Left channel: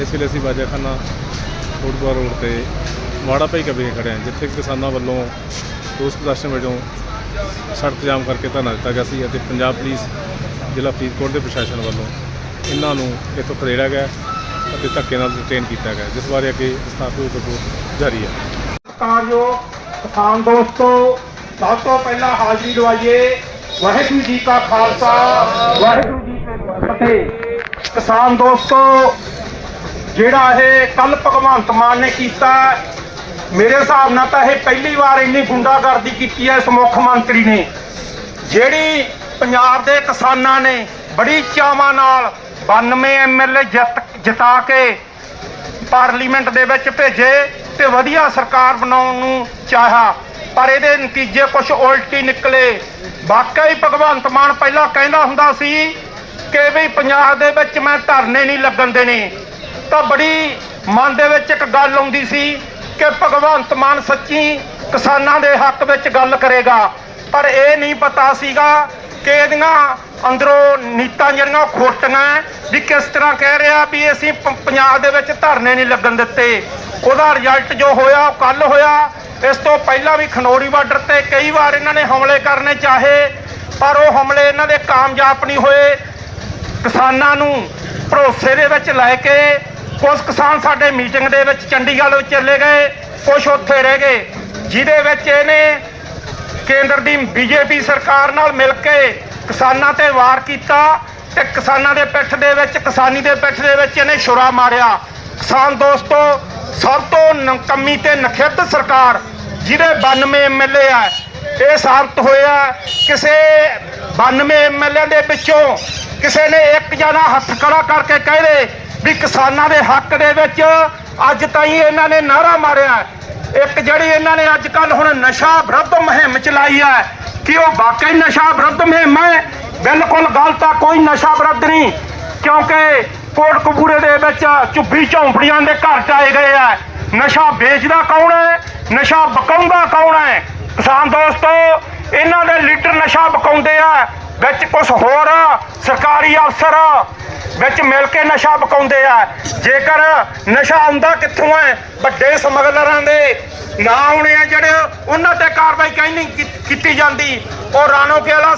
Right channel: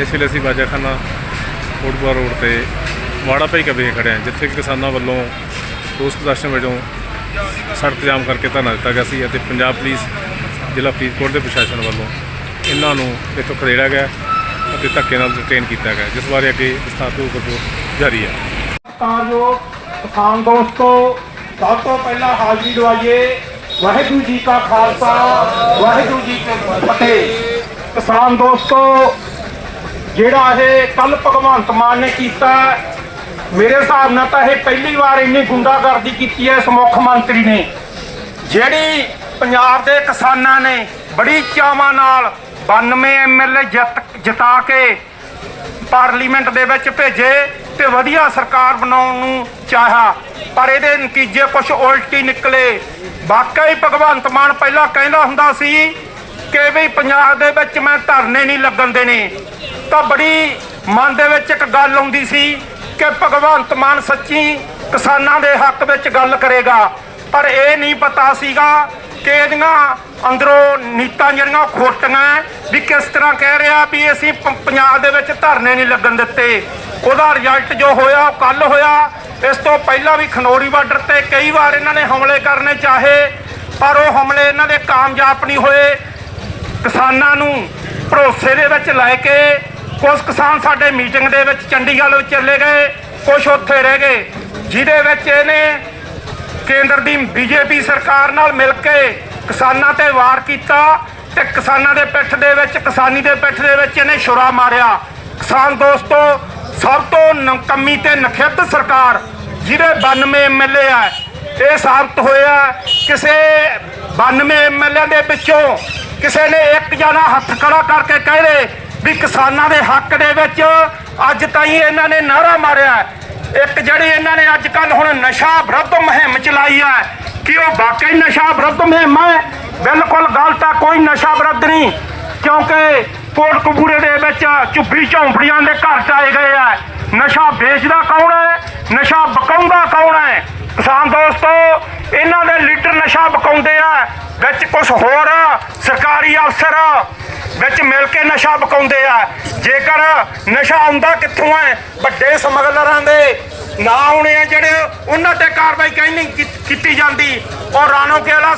ਇਸ ਵੇਲੇ ਅਸੀਂ ਬਾਜਾਖਾਨਾ ਫੁੱਟਬਾਲ ਰੋਡ ਤੇ ਵਾੜਾ ਭਾਈ ਕਬੇ ਖੜੇ ਹਾਂ, ਜਿੱਥੇ ਕਿ ਕਿਸਾਨਾਂ ਵੱਲੋਂ ਰੋਸ ਪ੍ਰਦਰਸ਼ਨ ਵਜੋਂ ਸੜਕ ਜਾਮ ਕਰਕੇ ਧਰਨਾ ਦਿੱਤਾ ਗਿਆ ਸੀ ਅਤੇ ਪੰਜਾਬ ਪੁਲਿਸ ਜ਼ਿਲ੍ਹਾ ਫਰੀਦਕੋਟ ਦੇ ਪ੍ਰਸ਼ਾਸਨ ਵੱਲੋਂ ਇਹਨਾਂ ਨੂੰ ਇੱਥੋਂ ਖਦੇੜਿਆ ਗਿਆ ਅਤੇ ਧੱਕੇ ਨਾਲ ਡਿਟੇਨ ਕੀਤਾ ਗਿਆ। ਜਿਸ ਬਾਰੇ ਅੱਗੇ ਵਿਸਥਾਰਪੂਰਵਕ ਰਿਪੋਰਟ ਜਾਰੀ ਹੈ। ਤਾਂ ਜੋ ਕਿਸਾਨ ਦੋਸਤੋ, ਸਭ ਤੋਂ ਪਹਿਲਾਂ ਹਾਜ਼ਰੀ ਦਵਾਈਏ ਵਾਹਿਗੁਰੂ ਜੀ ਕਾ ਖਾਲਸਾ, ਵਾਹਿਗੁਰੂ ਜੀ ਕੀ ਫਤਿਹ। ਕਿਸਾਨ ਦੋਸਤੋ ਜਿਹੜਾ ਇਹ ਕੱਲ ਭਗਵੰਤ ਮਾਨ ਨੇ ਕੀਤਾ, ਮੇਰੇ ਹਿਸਾਬ ਨਾਲ ਤਾਂ ਇਹ ਪਹਿਲੀ ਵਾਰ ਇੰਨੀ ਗੁੰਡਾਗਰਦੀ ਕੀਤੀ ਹੈ ਇਸ ਮੁੱਖ ਮੰਤਰੀ ਨੇ। ਜਿਹੜੀ ਪੰਜਾਬ ਦੇ ਕਿਸਾਨਾਂ ਨੇ ਬੜੀ ਚਾਵਾਂ ਨਾਲ 92 ਐਮਐਲਏ ਜਿੱਤ, ਜਿਤਾ ਕੇ ਪਾਰਲੀਮੈਂਟ ਦੇ ਵਿੱਚ ਭੇਜੇ ਤੇ ਵਧੀਆ ਸਰਕਾਰ ਬਣਾਉਣ ਨੂੰ ਚਾਹਿਆ, ਪਰ ਇਹਦੇ ਨਤੀਜੇ ਕੁਝ ਉਲਟੀ ਨਿਕਲੇ। ਵਾਕਈ ਭਗਵੰਤ ਮਾਨ ਪਹਿਲਾਂ ਕਹਿੰਦਾ ਹੁੰਦਾ ਸੀ ਕਿ ਵੀ ਪੰਜਾਬ ਦੇ ਵਿੱਚ ਮੈਂ ਧਰਨੇ ਨਹੀਂ ਲੱਗਣ ਦੇਣੇ। ਤਾਂ ਬੜੀ ਮਨ ਦੇ ਵਿੱਚ ਇੱਕ ਗੱਲ ਆਉਂਦੀ ਸੀ ਕਿ ਭਗਵੰਤ ਮਾਨ ਸੱਚੀ ਕਿਸਾਨਾਂ ਦੇ ਹੱਕ ਵਿੱਚ ਗੱਲ ਕਰੇਗਾ। ਪਰ ਇਹ ਨਹੀਂ ਪਤਾ ਸੀਗਾ ਕਿ ਇਹਦੀਆਂ ਅੰਦਰੋਂ ਨੀਤਾਂ ਜਿਹੜੀਆਂ ਉਹ ਖੋਟੀਆਂ ਵੀ ਕਿਸ ਤਰ੍ਹਾਂ ਕਹਿ ਰਿਹਾ ਵੀ ਅਸੀਂ ਪ- ਪੰਜਾਬ ਦੇ ਵਿੱਚ ਧਰਨੇ ਨਹੀਂ ਲੱਗਣ ਦਿੱਤੇ। ਉਹਦਾ ਰਿਜ਼ਲਟ ਜੋ ਹੋਇਆ ਕੱਲ ਹੋਇਆ। ਇਸ ਤੋਂ ਪਹਿਲਾਂ ਵੀ ਖਨੌਰੀ ਬਾਰਡਰ ਤੇ ਕਈ ਵਾਰ ਇਹਨਾਂ ਨੇ ਹਮਲੇ ਕਰਨੇ ਚਾਹੇ, ਪਰ ਉਹ ਹਮਲੇ ਇਹਨਾਂ ਦੇ ਕਾਮਯਾਬ ਨਹੀਂ ਹੋਏ। ਕਿਸਾਨਾਂ ਨੂੰ ਭਰੋਸੇ ਦੇ ਵਿੱਚ ਲੈ ਕੇ ਕੁਝ ਕਿਸਾਨ ਸਾਡੇ ਮੀਟਿੰਗ ਦੇ ਵਿੱਚ ਚੰਡੀਗੜ੍ਹ ਵਿੱਚ ਚਲੇ ਗਏ ਕੁਝ ਉੱਥੇ ਰਹਿ ਗਏ, ਜਿਹਦੇ ਵਿੱਚ ਇਹਨੇ ਕੇਂਦਰ ਦੀ ਬੀਜੇਪੀ ਸਰਕਾਰ ਨਾਲ ਮਿਲ ਕੇ ਕਿਸਾਨਾਂ ਤੇ ਵਾਰ ਕੀਤਾ ਤੇ ਕਿਸਾਨਾਂ ਦੇ ਪਿੱਠ ਦੇ ਵਿੱਚ, ਕਿਸਾਨੀ ਦੇ ਪਿੱਠ ਦੇ ਵਿੱਚ ਇਹਨੇ ਛੁਰਾ ਮਾਰਿਆ। ਕਿਸਾਨ ਦੋਸਤੋ, ਸਭ ਤੋਂ ਨਕਮੀ ਤੇ ਨਖਿੱਧ ਸਰਕਾਰ ਜਿਹਦੇ 92 ਐਮਐਲਏ ਆ, ਇਹ ਸਾਬਤ ਹੋਇਆ ਕਿਸੇ 92 ਐਮਐਲਏ ਦੇ ਵਿੱਚੋਂ ਕਿਸੇ ਨੇ ਇੱਕ ਜਣਾ ਹੱਥ ਖੜਾ ਕਰਕੇ ਕਹਿ ਦੇ ਵੀ ਕਿਸਾਨਾਂ ਦੇ ਹੱਕ ਦੇ ਵਿੱਚ ਅੱਜ ਤਾਈਂ ਇਹਨਾਂ ਨੇ ਨਾਰਾ ਮਾਰਿਆ ਇੱਕ ਜਿਹੜੀ ਇਹਨਾਂ ਨੇ ਅੱਜ ਕੱਲ ਹੁਣ ਨਸ਼ਾ ਵਿਰੁੱਧ ਮੁਹਿੰਮ ਚਲਾਈ ਆ, ਕਿ ਉਹ ਵਾਕਈ ਨਸ਼ਾ ਵਿਰੁੱਧ ਮੁਹਿੰਮ ਹੈ? ਬਿਲਕੁਲ ਗਲਤ ਆ ਕੋਈ ਨਸ਼ਾ ਵਿਰੁੱਧ ਨਹੀਂ, ਕਿਉਂਕਿ ਕੋਟ ਕੋਟਕਪੂਰੇ ਦੇ ਵਿੱਚ ਝੁੱਬੀ ਝੌਂਪੜੀਆਂ ਦੇ ਘਰ ਟਾਏ ਗਏ ਆ। ਨਸ਼ਾ ਵੇਚਦਾ ਕੌਣ ਹੈ? ਨਸ਼ਾ ਬਕਾਉਂਦਾ ਕੌਣ ਹੈ? ਕਿਸਾਨ ਦੋਸਤੋ, ਇਹਨਾਂ ਦੇ ਲੀਡਰ ਨਸ਼ਾ ਬਕਾਉਂਦੇ ਆ, ਵਿੱਚ ਕੁਝ ਹੋਰ ਸਰਕਾਰੀ ਅਫਸਰ ਵਿੱਚ ਮਿਲ ਕੇ ਨਸ਼ਾ ਬਕਾਉਂਦੇ ਆ। ਜੇਕਰ ਨਸ਼ਾ ਆਉਂਦਾ ਕਿੱਥੋਂ ਹੈ ਵੱਡੇ ਸਮਗਲਰਾਂ ਦੇ ਨਾ ਆਉਣੇ ਆ ਜਿਹੜੇ ਉਹਨਾਂ ਤੇ ਕਾਰਵਾਈ ਕਹਿੰਦੀ ਕੀਤੀ ਜਾਂਦੀ। ਉਹ ਰਾਣੋ ਕੇ ਵਾਲਾ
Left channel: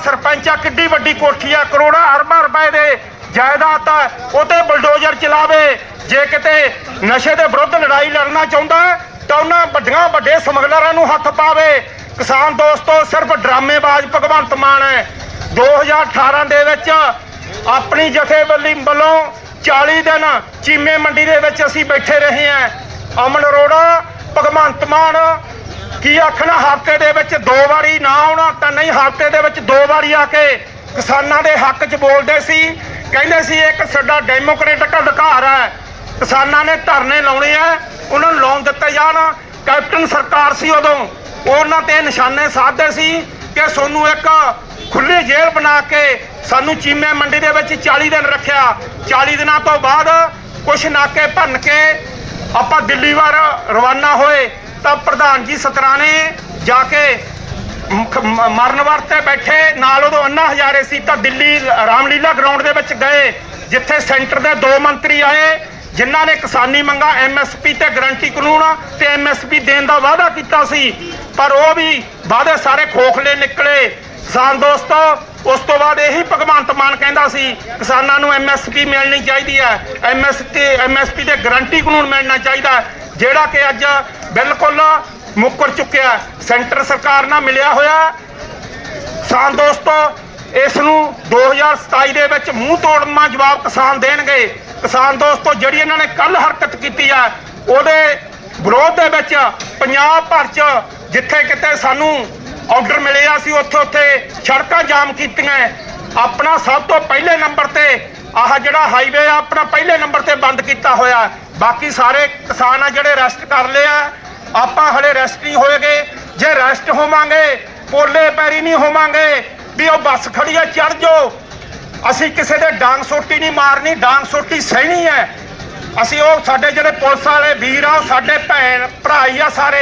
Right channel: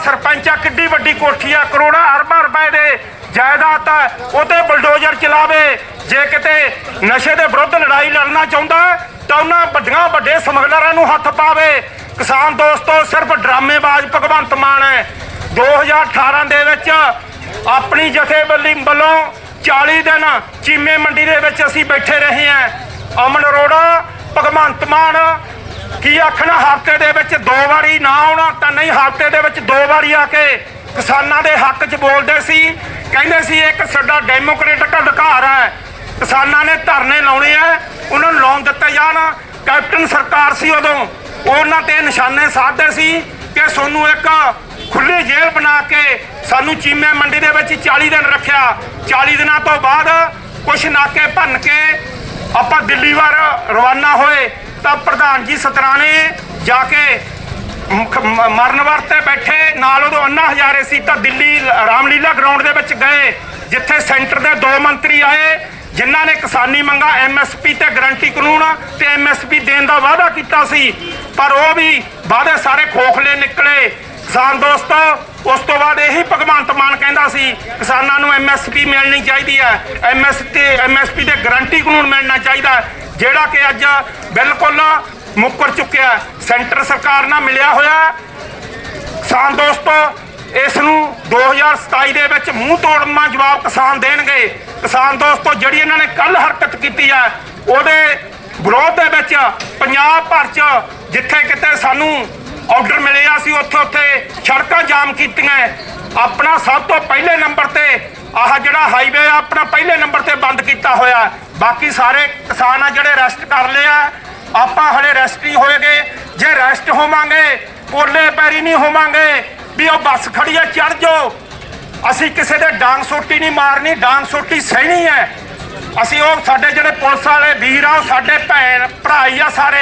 ਆ, ਕਿੱਡੀ ਵੱਡੀ ਕੋਠੀ ਆ, ਕਰੋੜਾਂ ਅਰਬਾਂ ਰੁਪਏ ਦੇ ਜਾਇਦਾਦ ਹੈ ਉਹ ਬਲਡੋਜ਼ਰ ਚਲਾਵੇ। ਜੇ ਕਿਤੇ ਨਸ਼ੇ ਦੇ ਵਿਰੁੱਧ ਲੜਾਈ ਲੜਨਾ ਚਾਹੁੰਦਾ, ਤਾਂ ਉਹਨਾਂ ਵੱਡੀਆਂ ਵੱਡੇ ਸਮਗਲਰਾਂ ਨੂੰ ਹੱਥ ਪਾਵੇ। ਕਿਸਾਨ ਦੋਸਤੋ, ਸਿਰਫ ਡਰਾਮੇਬਾਜ਼ ਭਗਵੰਤ ਮਾਨ ਹੈ। 2018 ਦੇ ਵਿੱਚ ਆਪਣੀ ਜਥੇਬੰਦੀ ਵੱਲੋਂ 40 ਦਿਨ ਚੀਮੇ ਮੰਡੀ ਦੇ ਵਿੱਚ ਅਸੀਂ ਬੈਠੇ ਰਹੇ ਹਾਂ। ਅਮਨ ਅਰੋੜਾ, ਭਗਵੰਤ ਮਾਨ, ਕੀ ਆਖਣਾ, ਹਫ਼ਤੇ ਦੇ ਵਿੱਚ ਦੋ ਵਾਰੀ ਨਾ ਆਉਣਾ ਤਾਂ ਨਹੀਂ, ਹਫ਼ਤੇ ਦੇ ਵਿੱਚ ਦੋ ਵਾਰੀ ਆ ਕੇ ਕਿਸਾਨਾਂ ਦੇ ਹੱਕ 'ਚ ਬੋਲਦੇ ਸੀ। ਕਹਿੰਦੇ ਸੀ, ਇੱਕ ਸਾਡਾ ਡੈਮੋਕ੍ਰੈਟਿਕ ਅਧਿਕਾਰ ਹੈ। ਕਿਸਾਨਾਂ ਨੇ ਧਰਨੇ ਲਾਉਣੇ ਆ, ਉਹਨਾਂ ਨੂੰ ਲਾਉਣ ਦਿੱਤੇ ਜਾਣ। ਕੈਪਟਨ ਸਰਕਾਰ ਸੀ ਉਦੋਂ। ਉਹਨਾਂ ਤੇ ਨਿਸ਼ਾਨੇ ਸਾਧਦੇ ਸੀ। ਕਿ ਸਾਨੂੰ ਇੱਕ ਖੁੱਲੀ ਜੇਲ੍ਹ ਬਣਾ ਕੇ ਸਾਨੂੰ ਚੀਮੇ ਮੰਡੀ ਦੇ ਵਿੱਚ 40 ਦਿਨ ਰੱਖਿਆ। 40 ਦਿਨਾਂ ਤੋਂ ਬਾਅਦ ਕੁਛ ਨਾਕੇ ਭੰਨ ਕੇ ਆਪਾਂ ਦਿੱਲੀ ਵਾਰ ਰਵਾਨਾ ਹੋਏ। ਤਾਂ ਪ੍ਰਧਾਨ ਜੀ ਸਤਰਾਣੇ ਜਾ ਕੇ ਮਰਨ ਵਰਤੇ ਬੈਠੇ, ਨਾਲ ਉਦੋਂ ਅੰਨਾ ਹਜ਼ਾਰੇ ਸੀ, ਤਾਂ ਦਿੱਲੀ ਰਾਮਲੀਲਾ ਗਰਾਊਂਡ ਦੇ ਵਿੱਚ ਗਏ, ਜਿੱਥੇ ਸੈਂਟਰ ਦੇ ਦੋ ਮੰਤਰੀ ਆਏ, ਜਿਨ੍ਹਾਂ ਨੇ ਕਿਸਾਨੀ ਮੰਗਾ ਐਮਐਸਪੀ ਤੇ ਗਰੰਟੀ ਕਾਨੂੰਨ ਤੇ ਐਮਐਸਪੀ ਦੇਣ ਦਾ ਵਾਅਦਾ ਕੀਤਾ ਸੀ। ਪਰ ਉਹ ਵੀ ਵਾਅਦੇ ਸਾਰੇ ਖੋਖਲੇ ਨਿਕਲੇ। ਕਿਸਾਨ ਦੋਸਤੋ, ਉਸ ਤੋਂ ਬਾਅਦ ਇਹੀ ਭਗਵੰਤ ਮਾਨ ਕਹਿੰਦਾ ਸੀ, ਕਿਸਾਨਾਂ ਨੂੰ ਐਮਐਸਪੀ ਮਿਲਣੀ ਚਾਹੀਦੀ ਹੈ। ਐਮਐਸਪੀ ਐਮਐਸਪੀ ਦੇ ਗਰੰਟੀ ਕਾਨੂੰਨ ਮਿਲਣਾ ਚਾਹੀਦਾ ਜਿਹੜਾ ਕਿ ਅੱਜ ਬਿਲਕੁਲ ਮੁੱਕਰ ਚੁੱਕਿਆ ਸੈਂਟਰ ਸਰਕਾਰ ਨਾਲ ਮਿਲਿਆ ਹੋਇਆ ਕਿਸਾਨ ਦੋਸਤੋ, ਇਸ ਨੂੰ 2027 ਦੇ ਵਿੱਚ ਮੂੰਹ ਤੋੜਨਾ ਜਵਾਬ ਕਿਸਾਨ ਦੇਣਗੇ। ਕਿਸਾਨ ਦੋਸਤੋ, ਜਿਹੜੀ ਇਹਨਾਂ ਨੇ ਕੱਲ ਹਰਕਤ ਕੀਤੀ ਆ, ਉਹਦੇ ਵਿਰੋਧ ਦੇ ਵਿੱਚ ਪੰਜਾਬ ਭਰ ਚ ਜਿੱਥੇ ਕਿਤੇ ਸਾਨੂੰ ਆਰਡਰ ਮਿਲਿਆ ਆ ਸੀ, ਉੱਥੇ ਉੱਥੇ ਸੜਕਾਂ ਜਾਮ ਕੀਤੀਆਂ। ਆਪਣਾ ਸਭ ਤੋਂ ਪਹਿਲੇ ਨੰਬਰ ਤੇ ਆਹ ਜਿਹੜਾ ਹਾਈਵੇ ਆ, ਆਪਣਾ ਪਹਿਲੇ ਨੰਬਰ ਤੇ ਬੰਦ ਕੀਤਾ ਹੋਇਆ ਬਾਕੀ ਸਾਰੇ ਕਿਸਾਨ ਆ ਜਿਹੜੇ ਰੈਸਟ ਕਰ ਲਏ ਆ, ਆਪਾਂ ਹਲੇ ਰੈਸਟ ਨਹੀਂ ਹੋਏਗੇ। ਜੇ ਰੈਸਟ ਹੋਵਾਂਗੇ, ਪੋਲੇ ਪੈਰੀ ਨਹੀਂ ਹੋਵਾਂਗੇ, ਵੀ ਉਹ ਬੱਸ ਖੜੀ ਆ ਚੜ ਜਾਓ। ਅਸੀਂ ਕਿਸੇ ਦੇ ਡਾਂਗ ਸੋਟੀ ਨਹੀਂ ਮਾਰਨੀ, ਡਾਂਗ ਸੋਟੀ ਸਹਿਣੀ ਹੈ। ਅਸੀਂ ਉਹ ਸਾਡੇ ਜਿਹੜੇ ਪੁਲਿਸ ਵਾਲੇ ਵੀਰ ਆ, ਸਾਡੇ ਭੈਣ ਭਰਾਈ ਆ ਸਾਰੇ।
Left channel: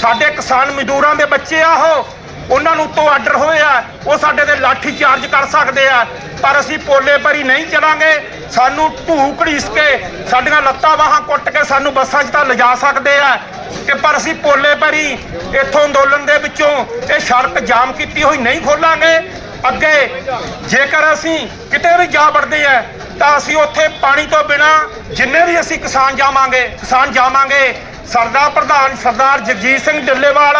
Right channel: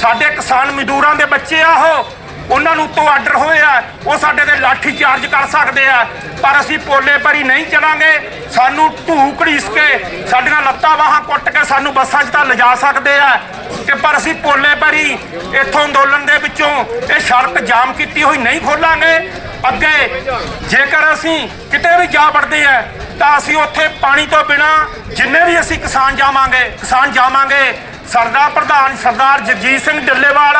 ਸਾਡੇ ਕਿਸਾਨ ਮਜ਼ਦੂਰਾਂ ਦੇ ਬੱਚੇ ਆ ਉਹ। ਉਹਨਾਂ ਨੂੰ ਤੋਂ ਆਰਡਰ ਹੋਏ ਆ, ਉਹ ਸਾਡੇ ਤੇ ਲਾਠੀ ਚਾਰਜ ਕਰ ਸਕਦੇ ਆ। ਪਰ ਅਸੀਂ ਪੋਲੇ ਭਰੀ ਨਹੀਂ ਚਲਾਂਗੇ। ਸਾਨੂੰ ਢੂ ਘੜੀਸ ਕੇ ਸਾਡੀਆਂ ਲੱਤਾਂ ਬਾਹਾਂ ਕੁੱਟ ਕੇ ਸਾਨੂੰ ਬੱਸਾਂ 'ਚ ਤਾਂ ਲਿਜਾ ਸਕਦੇ ਆ। ਤੇ ਪਰ ਅਸੀਂ ਪੋਲੇ ਭਰੀ ਇੱਥੋਂ ਅੰਦੋਲਨ ਦੇ ਵਿੱਚੋਂ ਇਹ ਸੜਕ ਜਾਮ ਕੀਤੀ ਹੋਈ ਨਹੀਂ ਖੋਲਾਂਗੇ। ਅੱਗੇ ਜੇਕਰ ਅਸੀਂ ਕਿਤੇ ਵੀ ਜਾ ਵੜਦੇ ਆ, ਤਾਂ ਅਸੀਂ ਉੱਥੇ ਪਾਣੀ ਤੋਂ ਬਿਨਾ ਜਿੰਨੇ ਵੀ ਅਸੀਂ ਕਿਸਾਨ ਜਾਵਾਂਗੇ ਕਿਸਾਨ ਜਾਵਾਂਗੇ, ਸਰਦਾਰ ਪ੍ਰਧਾਨ ਸਰਦਾਰ ਜਗਜੀਤ ਸਿੰਘ ਢਿੱਲੇਵਾਲ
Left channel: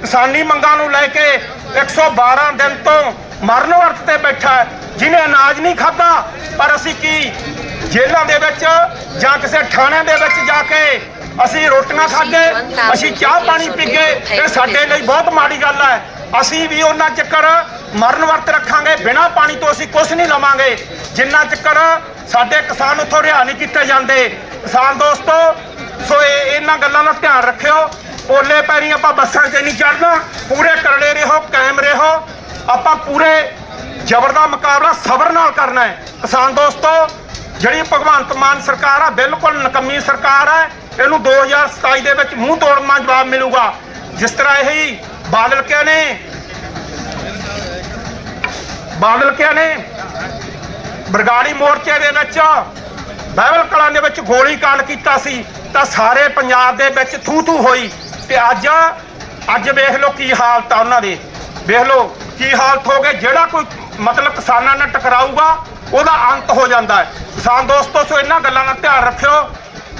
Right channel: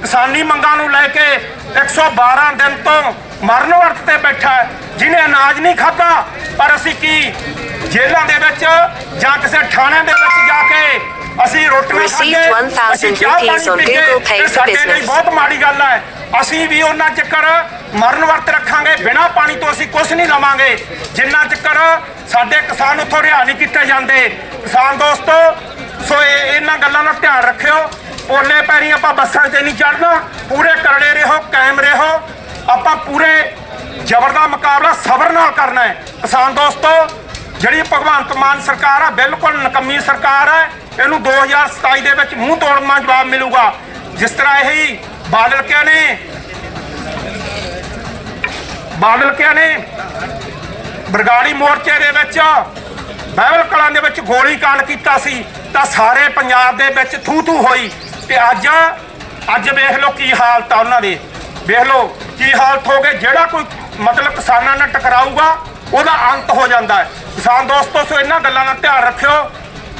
ਕਿਸਾਨੀ ਮੰਗਾਂ ਨੂੰ ਲੈ ਕੇ 112 ਦਿਨ ਤੋਂ ਮਰਨ ਵਰਤ ਤੇ ਬੈਠਾ ਹੈ, ਜਿਹਨੇ ਅਨਾਜ ਨਹੀਂ ਖਾਧਾ ਪਰ ਅਸੀਂ ਕੀ? ਜੇਲ੍ਹਾਂ ਦੇ ਵਿੱਚ ਜਾਂ ਕਿਸੇ ਥਾਣੇ ਦੇ ਵਿੱਚ ਜਾ ਕੇ ਅਸੀਂ ਰੋਟੀਆਂ ਖਾਂਦੇ 1000 ਅਸੀਂ ਚਾਹ ਪਾਣੀ rupees on P K, Google Pay ਇਹ ਸਾਡੇ ਲਈ. ਬਹੁਤ ਮਾੜੀ ਗੱਲ ਹੈ। ਅਸੀਂ ਵੀ ਉਹਨਾਂ ਚੱਕਰ ਮਰਨ ਵਰਤ ਰੱਖਾਂਗੇ ਬਿਨਾਂ ਪਾਣੀ ਤੋਂ ਅਸੀਂ ਕੁਝ ਨਹੀਂ ਲਵਾਂਗੇ। ਜਿੰਨਾ ਚੱਕਰ ਸਾਡੇ ਕਿਸਾਨ ਉੱਥੋਂ ਰਿਹਾ ਨਹੀਂ ਕੀਤੇ ਜਾਂਦੇ। ਕਿਸਾਨ ਦੋਸਤੋ ਸੋ ਇਹ- ਇਹਨਾਂ ਗੱਲਾਂ ਦਾ ਧਿਆਨ ਰੱਖਿਓ। ਓਲੇ ਪੈਰੀ ਆਪਾਂ ਬੱਸਾਂ 'ਚ ਨਹੀਂ ਚੜਨਾ ਪੂਰੇ ਕਰੜੇ ਰਹੋ, ਕਾਇਮ ਰਹੋ। ਆਪਾਂ ਪੂਰੇ ਜ਼ਬਰ ਦਾ ਮੁਕਾਬਲਾ ਸਬਰ ਨਾਲ ਕਰਨਾ ਹੈ। ਕਿਸਾਨ ਦੋਸਤੋ, ਜਿਹੜੀ ਭਗਵੰਤ ਮਾਨ ਸਰਕਾਰ ਹੈ ਬਿਲਕੁਲ ਨਕੰਮੀ ਸਰਕਾਰ ਹੈ ਇਹਨੂੰ 2027 ਦੇ ਵਿੱਚ ਮੂੰਹ ਤੋੜਨਾ ਜਵਾਬ ਮਿਲੂਗਾ। ਜਿਸ ਤਰ੍ਹਾਂ ਇਹ ਬਾਦਲ ਕੇ ਨੇ ਬਾਦਲ ਕੇ ਨੇ ਬਰਗਾੜੀ ਮੋਰਚੇ ਦੇ ਵਿੱਚ ਬਾਈਬਲ ਕਲਾਂ ਦੇ ਵਿੱਚ ਗੋਲੀ ਕਾਂਡ ਕੀਤਾ ਸੀ, ਤਾਂ ਸਾਰੇ ਪੰਜਾਬ ਦੇ ਵਿੱਚ ਥੂ ਥੂ ਹੋਈ। ਤੇ ਅੱਜ ਅੱਜ ਵੇਖ ਲਓ ਕੀ ਹਾਲਤ ਆ ਉਹਨਾਂ ਦੇ। ਵੇਖ ਲਓ ਕੀ ਹਾਲਤ ਹੋ ਗਏ। ਜਿਹੜਾ ਕੋਈ ਮਤਲਬ ਕਿਸਾਨਾਂ ਨਾਲ ਟਕਰਾਊਗਾ, ਉਹਦਾ ਅੰਤ ਹੋ ਜਾਂਦਾ ਹੈ। ਕਿਸਾਨ ਦੋਸਤੋ, ਸੋ ਇਹਨਾਂ ਗੱਲਾਂ ਦਾ ਧਿਆਨ ਰੱਖਿਓ।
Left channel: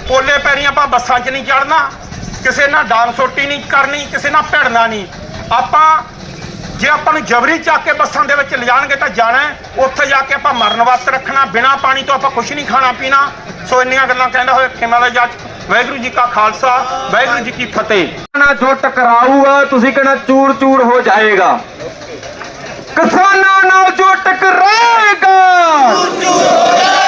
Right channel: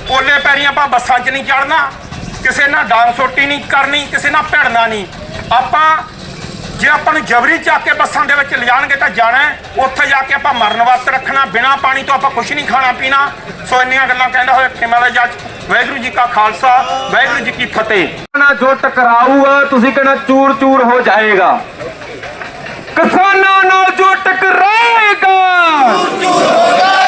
ਪੋਲੇ ਪੈਰੀ ਆਪਾਂ ਬੱਸਾਂ 'ਚ ਨਹੀਂ ਚੜਨਾ ਕਿਸੇ ਨਾਲ ਡਾਂਗ ਸੋਟੀ ਨਹੀਂ ਕਰਨੀ, ਕਿਸੇ ਨਾਲ ਭਿੜਨਾ ਨਹੀਂ। ਆਪਾਂ ਜੇ ਆਪਾਂ ਨੂੰ ਜਬਰੀ ਚੱਕ ਕੇ ਬੱਸਾਂ ਦੇ ਵਿੱਚ ਲਿਜਾਣਗੇ ਤਾਂ ਜਾਣਾ ਹੈ। ਉੱਥੇ ਜਾ ਕੇ ਆਪਾਂ ਮਰਨ ਵਰਤ ਰੱਖਣਾ ਬਿਨਾ ਪਾਣੀ ਤੋਂ ਆਪਾਂ ਕੁਝ ਨਹੀਂ ਖਾਣਾ ਪੀਣਾ। ਸੋ ਇੰਨੀਆਂ ਗੱਲਾਂ ਕਹਿੰਦਾ ਹੋਇਆ ਖੇਮਾ ਦਾ ਜੱਜ ਵਾਹਿਗੁਰੂ ਜੀ ਕਾ ਖਾਲਸਾ ਵਾਹਿਗੁਰੂ ਜੀ ਕੀ ਫਤਿਹ। ਨਾ ਜੋ ਟਕਰਾਊਗਾ ਤੁਸੀਂ ਕਹਿਣਾ ਚੂਰ ਚੂਰ ਹੋ ਜਾਏਗਾ। ਕਿਸਾਨਾਂ ਨਾਲ ਜੋ ਟਕਰਾਏਗਾ ਕਿਸਾਨ